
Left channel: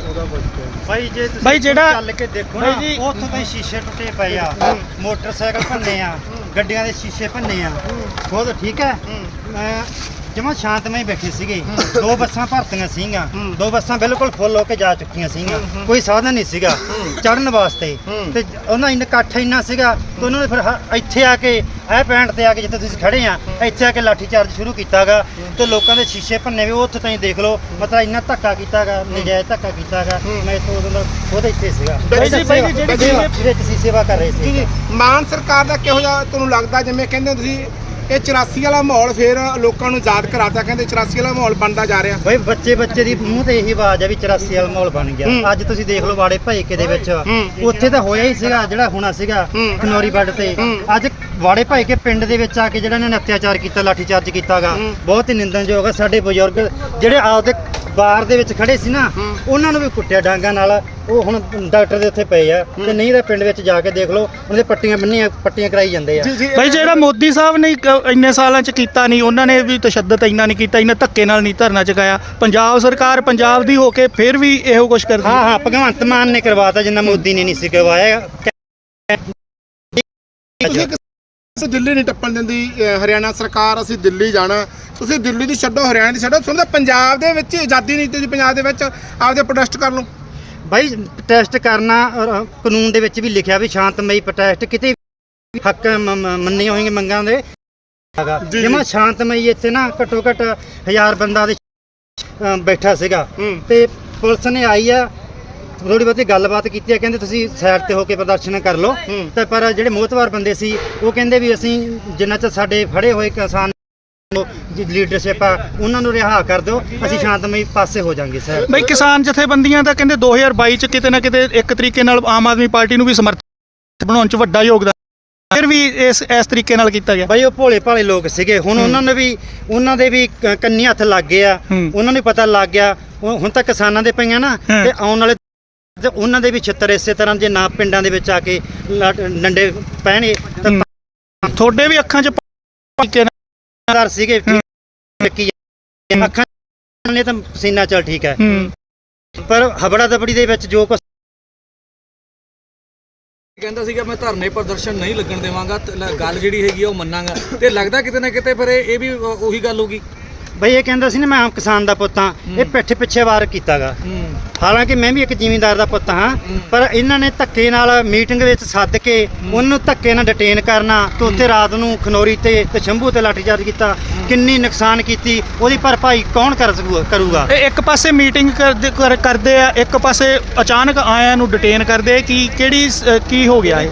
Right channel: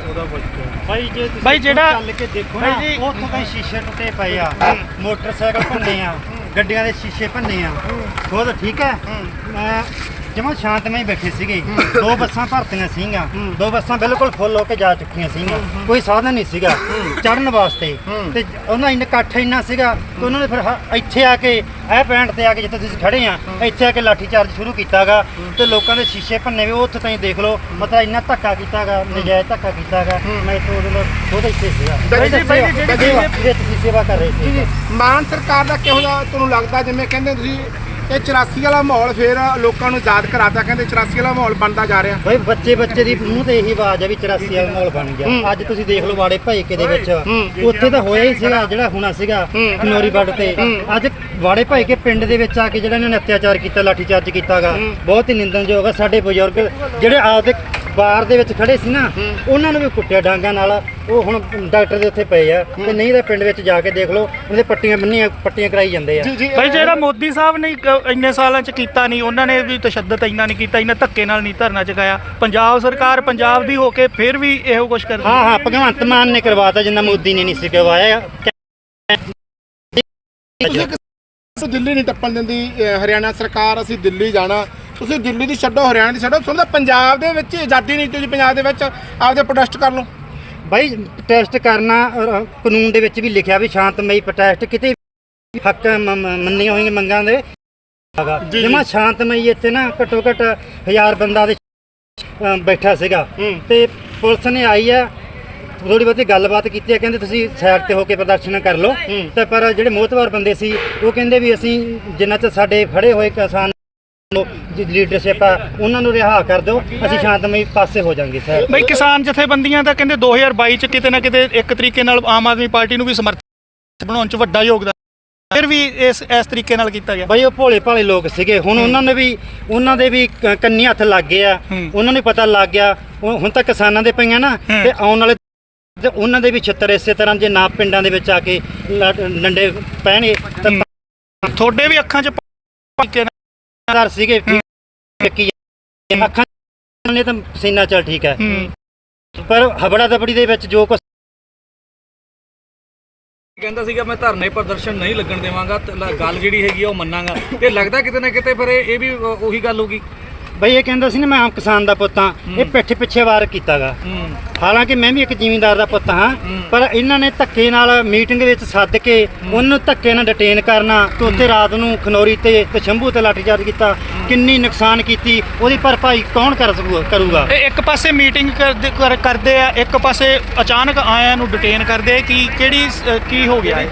ਉਹਦਾ ਕੁਝ ਭਾਈ ਜੇ ਤੁਸੀਂ ਭਾਈ ਜਿਹੜਾ- ਚੱਲ ਕੇ ਦੇਖੋ ਨਾ ਉੱਥੋਂ ਤਾਂ ਸ਼ੀਸ਼ੇ ਟੁੱਟੇ ਪਏ ਆ। ਮੋਟਰਸਾਈਕਲ ਭੰਨੇ ਆ ਗੱਡੀਆਂ ਦੇ ਸ਼ੀਸ਼ੇ ਭੰਨੇ ਆ। ਖੁਦ ਠੀਕ ਹੈ। ਜਮਾ ਸ਼ਾਂਤਮਈ ਬੈਠੇ ਸੀਗੇ। ਦੋ ਬੱਸਾਂ ਭਰਤੀਆਂ ਸੀਗੀਆਂ। ਦੋ ਬੱਸਾਂ ਬਿਲਕੁਲ ਫੁੱਲ ਹੋ ਕੇ ਜਾ ਚੁੱਕੀਆਂ ਸੀਗੀਆਂ। ਕੋਈ ਸਾਧਨ ਨਹੀਂ ਸੀਗਾ ਚੜਨ ਵਾਸਤੇ। ਤੇ ਉਹਨਾਂ ਇੰਨਾ ਇਕੱਠ ਇੰਨਾ ਸੀਗਾ ਤੇ ਉਹਨਾਂ ਨੇ ਫਿਰ ਹ- ਇੱਥੇ ਆ ਕੇ ਇਹ ਪੈਂਟ ਤੇ ਆ ਕੇ ਜਿੱਥੇ ਤੁਸੀਂ ਖੜੇ ਆ ਇੱਥੇ ਆ ਕੇ ਲਾਠੀ ਚਾਰਜ ਸ਼ੁਰੂ ਕੀਤਾਗਾ। ਤੇ ਲੋਕਾਂ ਦੇ ਸ਼ੀਸ਼ੇ ਭੰਨੇ ਵੀ ਉਹ ਉੱਥੇ ਤਾਈਂ ਦੇਖ ਲਓ ਮਤਲਬ ਇੰਨਾ ਧੱਕਾ ਕੀਤਾਗਾ ਨਜਾਇਜ਼ ਧੱਕਾ ਕੀਤਾਗਾ। ਮੈਂ ਇੱਥੇ ਉਹਦੇ ਨਾਲ ਖੁਦ ਇੱਥੇ ਸੀਗਾ। ਬਾਈ ਜੀ, ਬਾਈ ਜੀ, ਜਿਹੜੀ ਸੇਵਾ- ਜਿਹੜੇ ਤੁਸੀਂ ਸੇਵਾ ਕਰ ਰਹੇ ਸੀ। ਜੀ। ਮਾਨ ਸਰਕਾਰ ਦਾ ਕਿਹੋ ਜਿਹਾ ਤੁਹਾਨੂੰ ਲੱਗਦਾ ਜਿਵੇਂ ਕਹਿੰਦੇ ਤੁਸੀਂ ਇਹ 84 ਵਾਲਾ ਮਾਹੌਲ ਫੇਰ ਲੋਕਾਂ ਨੂੰ ਯਾਦ ਕਰਾਤਾ ਕਹਿੰਦੇ 84 ਵਾਲਾ ਮਾਹੌਲ ਬਣਦਾ ਜਾ ਰਿਹਾ। ਬਈ ਬੱਚੇ ਬੱਚੇ ਦੀ ਮੂੰਹ ਤੇ ਇਹੀ ਆਵਾਜ਼ ਆ ਵੀ 84 ਵਾਲਾ ਮਾਹੌਲ ਬਣ ਗਿਆ। ਅੱਜ ਤੁਸੀਂ ਦੇਖ ਲਓ ਵਾੜੇ ਭਾਈਕੇ ਦੇ ਵਿੱਚ। ਉੱਥੇ ਤਾਂ ਹੋਇਆ ਹੀ ਸੀਗਾ ਜਿਹੜਾ ਹੋਣਾ ਸੀਗਾ ਖਨੌਰੀ ਬੱਡ ਤੇ। ਅੱਜ ਵਾੜੇ ਭਾਈਕੇ ਪਿੰਡ ਦੇ ਵਿੱਚ ਆ ਕੇ ਜਿਹੜਾ ਇਹਨਾਂ ਨੇ ਅਤਿਆਚਾਰ ਕੀਤਾ ਲਾਠੀ ਚਾਰਜ ਕੀਤਾਗਾ ਬਹੁਤ ਹੀ ਨਿੰਦਣਯੋਗ ਆ ਸਾਡੇ ਬਜ਼ੁਰਗ। ਜਿਹੜੇ ਆਪਦੇ ਬਾਰ ਦੇ ਵਿੱਚ ਖੜੇ ਸੀ ਨਾ ਉਹਨਾਂ ਨੂੰ ਵੀ ਕੁੱਟਿਆ ਡਾਂਗਾ ਨਾਲ। ਉਹ ਹੁਣ ਡਾਕਟਰ ਦੇ ਉੱਥੇ ਪਏ ਆ। ਤੇ ਨਹੀਂ ਤਾਂ ਪਿੰਡ ਵਿੱਚ ਜਾ ਕੇ ਦੇਖ ਲਓ ਉਹਦੇ ਪੱਟੀਆਂ ਬੰਨੀਆਂ ਪੱਟੀਆਂ ਕਰਾਈ ਜਾਂਦੇ ਆ। ਜੀ ਜੀ ਭਾਈ ਜਿਹੜਾ ਮੋਦੀ ਸਾਹਿਬ ਨੇ ਕ- ਇੰਨੇ ਸਾਲਾਂ ਚ ਕੀਤਾ ਨਹੀਂ ਉਹਨਾਂ ਨੇ ਵੀ ਤਸ਼ੱਦਦ ਇੰਨਾ ਨਹੀਂ ਕੀਤਾ ਇੰਨਾ ਧੱਕੇ ਨਾਲ ਨਹੀਂ ਧਰਨਾ ਚੁਕਾਇਆ। ਪੰਜਾਬ ਸਰਕਾਰ ਪੰਜਾਬ ਦੀ ਹੋ ਕੇ ਫਿਰ ਵੀ ਇਹੋ ਕੁਝ ਕਰਦੀ ਹਾਂ ਹਾਂ। ਭਗਵੰਤ ਮਾਨ ਨੇ ਕਰਵਾਤਾ ਜਿੰਨਾ ਮੋਦੀ ਨੇ ਨਹੀਂ ਸੀ ਕਰਵਾਇਆ। ਤੁਸੀਂ ਕਿਸੇ ਦਿੱਲੀ ਨਹੀਂ ਟੱਪਣ ਦਿੰਦੀ ਹਰਿਆਣਾ ਸਰਕਾਰ ਅਸੀਂ ਦਿੱਲੀ ਜਾਣਾ। ਤੁਸੀਂ ਦਿੱਲੀ ਦੀ ਛੱਡੋ ਹਰਿਆਣਾ ਦੀ ਛੱਡੋ ਸੁਣਦਾ ਪੰਜਾਬ ਦੇ ਵਿੱਚ ਆਜ਼ਾਦੀ ਨਹੀਂ ਤੁਸੀਂ ਪੰਜਾਬ ਦੇ ਵਿੱਚ ਆਪਦੇ ਪ੍ਰੋਟੈਸਟ ਕਰ ਲਓ। ਬਾਈ ਟੈਸਟ ਕਰਨਾ ਕਾਨੂੰਨ ਦੇ ਵਿੱਚ ਵੀ ਲਿਖਿਆ ਵੀ ਸ਼ਾਂਤਮਈ ਪ੍ਰੋਟੈਸਟ ਕਿਤੇ ਹੱਕ ਮ- ਮ- ਮੰਨੀਆਂ ਹੋਈਆਂ ਮੰਗਾਂ ਦੇ। ਜਿਵੇਂ ਸ਼ਾਂਤਮਈ ਇੱਥੇ ਨਾ ਘੱਟੋ ਘੱਟ ਹਜ਼ਾਰ ਬੰਦਾ ਦੇ ਬੈਠਾ ਸੀਗਾ। ਤੇ ਪੁਲਿਸ ਨੇ ਆਈ ਆ ਥੋੜੀ ਬਹੁਤੀ ਗੱਲਬਾਤ ਕੀਤੀ ਆ ਕਹਿੰਦੇ ਤੁਸੀਂ ਸਾਈਡ ਤੇ ਹੋ ਕੇ ਪ੍ਰਦਰਸ਼ਨ ਕਰ ਲਓ। ਤੇ ਪਰ ਜਿਹੜੇ ਮੋਹਤਵਾਰ ਬੰਦੇ ਸੀ ਉਹ ਕਹਿੰਦੇ ਵੀ ਅਸੀਂ ਜਿੰਨਾ ਚ ਸਾਡੇ ਫੜੇ ਹੋਏ ਕਿਸਾਨ ਲੀਡਰਸ਼ਿਪ ਆ ਉਹਨਾਂ ਨੂੰ ਰਿਹਾ ਕਰ ਦਿਓ ਅਸੀਂ ਸ਼ਾਂਤਮਈ ਪਾਸੇ ਹੋ ਜਾਾਂਗੇ ਸਰ। ਬਈ ਕਿਸਾਨ ਜਥੇਬੰਦੀਆਂ ਦਾ ਕਹਿੰਦੇ 2022 ਚ ਕਿਤੇ ਨਾ ਕਿਤੇ ਇੱਕ ਤਰੀਕੇ ਨਾਲ ਆਮ ਆਦਮੀ ਪਾਰਟੀ ਨੂੰ ਵੀ ਸਮਰਥਨ ਬਣਾਉਣ ਚ ਵੱਡਾ ਯੋਗਦਾਨ ਫਿਰ ਵੀ ਇਸ ਇਸ ਤਰੀਕੇ ਨਾਲ ਕੀਤਾ ਗਿਆ। ਬਈ ਉਹ ਭੋਲੇ ਭਾਲੇ ਲੋਕ ਸੀਗੇ ਹੁਣ ਉਹਨਾਂ ਨੂੰ ਵੀ ਉਹਨਾਂ ਦੇ ਵੀ ਕੰਨੀ ਹੱਥ ਲੱਗ ਗਏ ਆ। ਉਹਨਾਂ ਨੂੰ ਪਤਾ ਲੱਗ ਗਿਆ ਹੁਣ ਤਾਂ ਕਿਸਾਨਾਂ ਦੇ ਪਈਆਂ ਨਾ। ਤੇ ਆਉਣ ਵਾਲੇ ਤੇ ਉਹਨਾਂ ਦੇ ਵੀ ਛਿੱਤਰ ਇਸੇ ਤਰ੍ਹਾਂ ਜੇ ਨਾ ਪਿੰਡਾਂ ਦੇ ਵਿੱਚ ਆ ਕੇ ਡੰਡੇ ਤਾਂ ਤੁਹਾਡੇ ਵੀ ਅੱਖਾਂ 'ਚ ਤਾਰ ਸੀਗੇ ਚੱਕੀ ਅੱਖਾਂ ਨੇ ਤਾਂ ਪਸੀਨਾ ਚੱਲ ਠੀਕ ਹੈ। ਪਰ ਹਬੜਾ ਦਬੜੀ ਦੇ ਵਿੱਚ ਜੋ ਕੁਛ ਕਹਿੰਦਾ ਸੀਗਾ ਮੈਂ ਧਰਨੇ ਪ੍ਰਦਰਸ਼ਨ ਨਹੀਂ ਲੱਗਣ ਦੇਵਾਂਗਾ ਗੱਲ ਜਿਹੜੀ ਹੈਗੀ ਆ ਉਹ ਮੰਨਾਂਗਾ। ਤੇ ਲੱਗਦਾ ਕਿਤੇ ਨਾ ਕਿਤੇ ਫਿਰ ਇਹ ਵੀ ਉਹ- ਉਹੀ ਗੱਲ ਹੋਗੀ ਬਈ ਇਹ ਕਹਿੰਦਾ ਸੀ ਨਾ ਮੈਂ ਆਮ ਕਿਸਾਨ ਦਾ ਪੁੱਤ ਹਾਂ ਇਹ ਪਿੱਠ ਪਿੱਛੇ ਵਾਰ ਕੀਤਾਗਾ। ਹਾਲਾਂਕਿ ਮੈਂ ਵੀ ਇੱਕ ਜ਼ਿਮੀਂਦਾਰ ਦਾ ਪੁੱਤ ਹਾਂ ਪਰ ਇਹਨਾਂ ਨੇ ਧੱਕੇ ਨਾਲ ਮੀਟਿੰਗ ਵਿੱਚ ਸੱਦ ਕੇ ਉਹਨੂੰ ਧੱਕੇ ਨਾਲ ਡਿਟੇਨ ਕਰਨਾ ਤੇ ਉੱਥੇ ਰਾਤ ਨੂੰ ਖਨੌਰੀ ਤੇ ਤੇ ਸ਼ੰਭੂ ਤੇ ਲਾਠੀਚਾਰਜ ਕੀਤਾ। ਕਿੰਨੀ ਨੁਕਸਾਨ ਕੀਤੀ ਉਹਦੀ ਭਰਪਾਈ ਕੌਣ ਕਰ ਸਕੂ ਕਰੂਗਾ? ਇਹ ਇੱਕ ਪਾਸੇ ਮੀਟਿੰਗ ਕਰਦੇ ਕਰ- ਕਰਦੇ ਆ ਇੱਕ ਪਾਸੇ ਅਚਾਨਕ ਆਇਆਂ ਨੂੰ ਡਿਟੇਨ ਕਰਦੇ ਆ ਕਿ ਕਿਹੜੀ ਸ- ਕੀ ਹੋ ਗਿਆ ਇਹ?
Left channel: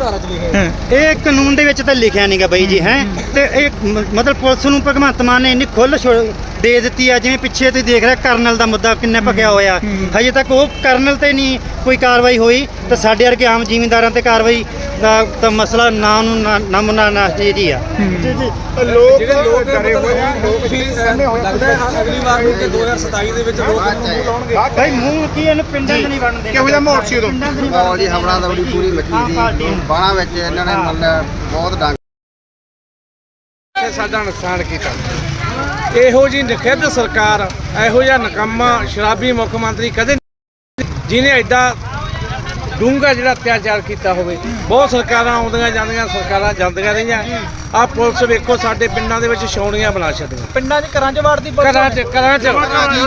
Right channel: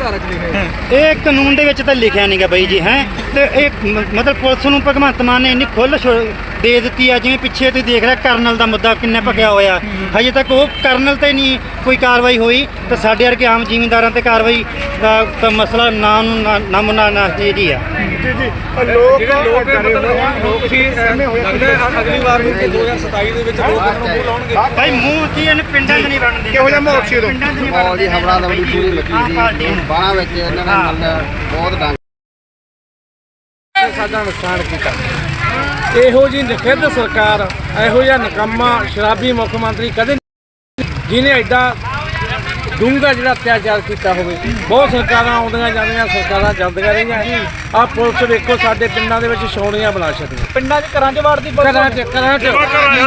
ਹੈ? ਇਹ ਕਾਨੂੰਨ ਦੇ ਵਿੱਚ ਤਾਂ ਲਿਖਿਆ ਨਹੀਂਗਾ ਬਾਈ ਜੀ ਹੈ? ਤੇ ਇਹ ਮ- ਮਤਲਬ ਪੁਲਿਸ ਨੂੰ ਭਗਵੰਤ ਮਾਨ ਨੇ ਇੰਨੀ ਖੁੱਲ ਦੇ ਦਿੱਤੀ ਆ। ਜਿਵੇਂ ਪਿੱਛੇ ਤੁਸੀਂ ਦੇਖ ਰਹੇ ਕਰਨਲ ਦਾ ਮੁੱਦਾ ਕਿੰਨਾ ਭਖਿਆ ਹੋਇਆ। ਹਜੇ ਤੱਕ ਉਹ ਕਰਨਲ ਤੇ ਨਹੀਂ ਕੋਈ ਕਾਰਵਾਈ ਹੋਈ। ਤੇ ਸਾਡੇ ਵਰਗੇ ਆਮ ਜ਼ਿਮੀਂਦਾਰਾਂ ਤੇ ਕਾਰਵਾਈ ਦਾ ਤਾਂ ਮਸਲਾ ਨਾ ਨੂੰ ਨਾ ਨਾ ਨਾ ਜੀ ਆ। ਜੀ ਜੀ ਲੋਕ ਡਰੇ ਹੋਏ ਆ ਲੋਕ ਵੀ ਲੱਗਦਾ ਅਗਲੀ ਵਾਰ ਤੇ 2027 ਦੇ ਵਿੱਚ ਲੋਕ ਮੂੰਹ ਲਾਉਣਗੇ। ਬਾਈ ਮੂੰਹ ਕੀ ਇਹਨੇ ਪਿੰਡਾਂ 'ਚ ਨਹੀਂ ਬਣਦੇ? ਕਿਹੋ ਜਿਹਾ ਮਾਹੌਲ ਸੀ ਉਦੋਂ? ਮਾਹੌਲ ਦੀ ਹਵੜਾ ਦਵੜੀ ਪੂਰੀ ਮੱਚੀ ਸੀ। ਬਾਹਾਂ ਵਿੱਚ ਇਹਨਾਂ ਨੇ ਮਤਲਬ ਬਹੁਤ ਡੰਗ ਸਾਡਾ ਨੁਕਸਾਨ ਕੀਤਾ। ਇਹੋ ਜੀ ਨਖਿੱਧ ਸਰਕਾਰ ਇਹੋ ਜਿਹਾ ਨਕਮਾ ਸ਼ਰਾਬੀ ਮੁੱਖ ਮੰਤਰੀ ਕਦੇ ਜਿਹਨੇ ਐਡਾ ਡੂੰਘਾ ਜਿਹੜਾ ਅਤਿਆਚਾਰ ਕੀਤਾ ਹੋਵੇ। ਬਹੁਤ ਸਰਕਾਰਾਂ ਆਉਂਦੀਆਂ ਜਾਂਦੀਆਂ ਸਰਕਾਰਾਂ ਜਾਂਦੀਆਂ ਰਹੀਆਂ। ਆ ਪੁਲਿਸ ਵੇਖੋ ਸਾਡੇ ਪਿੰਡਾਂ ਦੇ ਵਿੱਚ ਛਾਉਣੀਆਂ ਬਣਾ ਛੱਡੀਆਂ। ਪਿੰਡਾਂ 'ਚ ਘਰਾਂ 'ਚ ਵੜਦੀ ਘਰਾਂ 'ਚ ਘਰਾਂ 'ਚ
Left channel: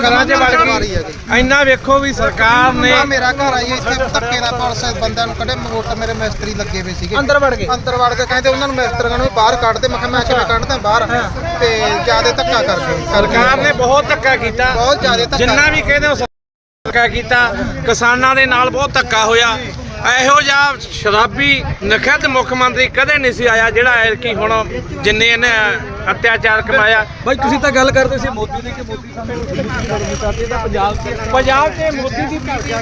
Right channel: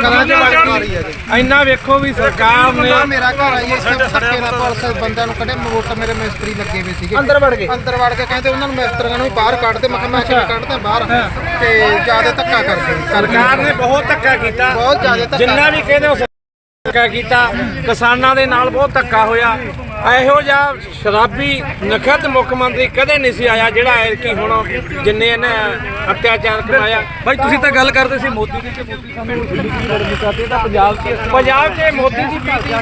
ਘਰਾਂ 'ਚ ਵੜ ਗਈ ਇੰਨਾ ਵੇਖੋ ਵੀ ਸਰਕਾਰ ਨੇ ਮੇਰਾ ਘਰ ਆਈ ਇਸ ਤੇ ਧੱਕੇ ਦਾ ਪੁਲਿਸ ਬੰਦਿਆਂ ਨੂੰ ਕੱਢੇ ਮੋਟ ਮੇਰੇ ਮਿਸਤਰੀ ਲੱਗੇ ਹੋਏ ਸੀਗੇ। ਅੰਦਰ ਵੜ ਗਏ। ਅੰਦਰ ਵੜ ਕੇ ਕਹਿੰਦੇ ਉਹਨਾਂ ਨੂੰ ਮਿਸਤਰੀਆਂ ਨੂੰ ਬਾਹਰ ਕੱਢ ਦੇ। ਮੈਂ ਕਿਹਾ ਮੈਂ ਕਿਵੇਂ ਕੱਢਦਾ ਬਾਹਰ? ਤੇ ਜਿਆਦੇ ਧੱਕਾ ਕਰਦੇ ਸਰਕਾਰ ਨੇ ਬਹੁਤ ਧੱਕਾ ਕੀਤਾ। ਬਹੁਤ ਜ਼ਿਆਦਾ ਜਿੰਨਾ ਵੀ ਕਹਿੰਦੇ ਹੋ ਧੱਕਾ ਕੀਤਾ ਕਿਸਾਨਾਂ ਦੇ ਨਾਲ ਬਹੁਤ ਧੱਕਾ ਹੋਇਆ। ਇਹੋ ਜਿਹਾ ਸ਼ਰਾਬੀ ਨਖਤ ਮੁੱਖ ਮੰਤਰੀ ਕਦੇ ਨਹੀਂ ਸੀ ਆਇਆ ਜਿਹੜਾ ਐ ਕਿ ਹੁਣ ਜਿੰਨੇ ਇਹਨੇ ਅਤਿਆਚਾਰ ਕਮਾਇਆ। ਭਾਈ ਤੁਸੀਂ ਤਾਂ ਗੱਲ ਕਰਦੇ ਸੀ ਮੋਦੀ ਦੀ ਕਿ ਮੋਦੀ ਸਾਨੂੰ ਪੰਜਾਬ 'ਚ ਪੰਜਾਬ 'ਚ ਮੋਦੀ ਦੀ ਧਰਤੀ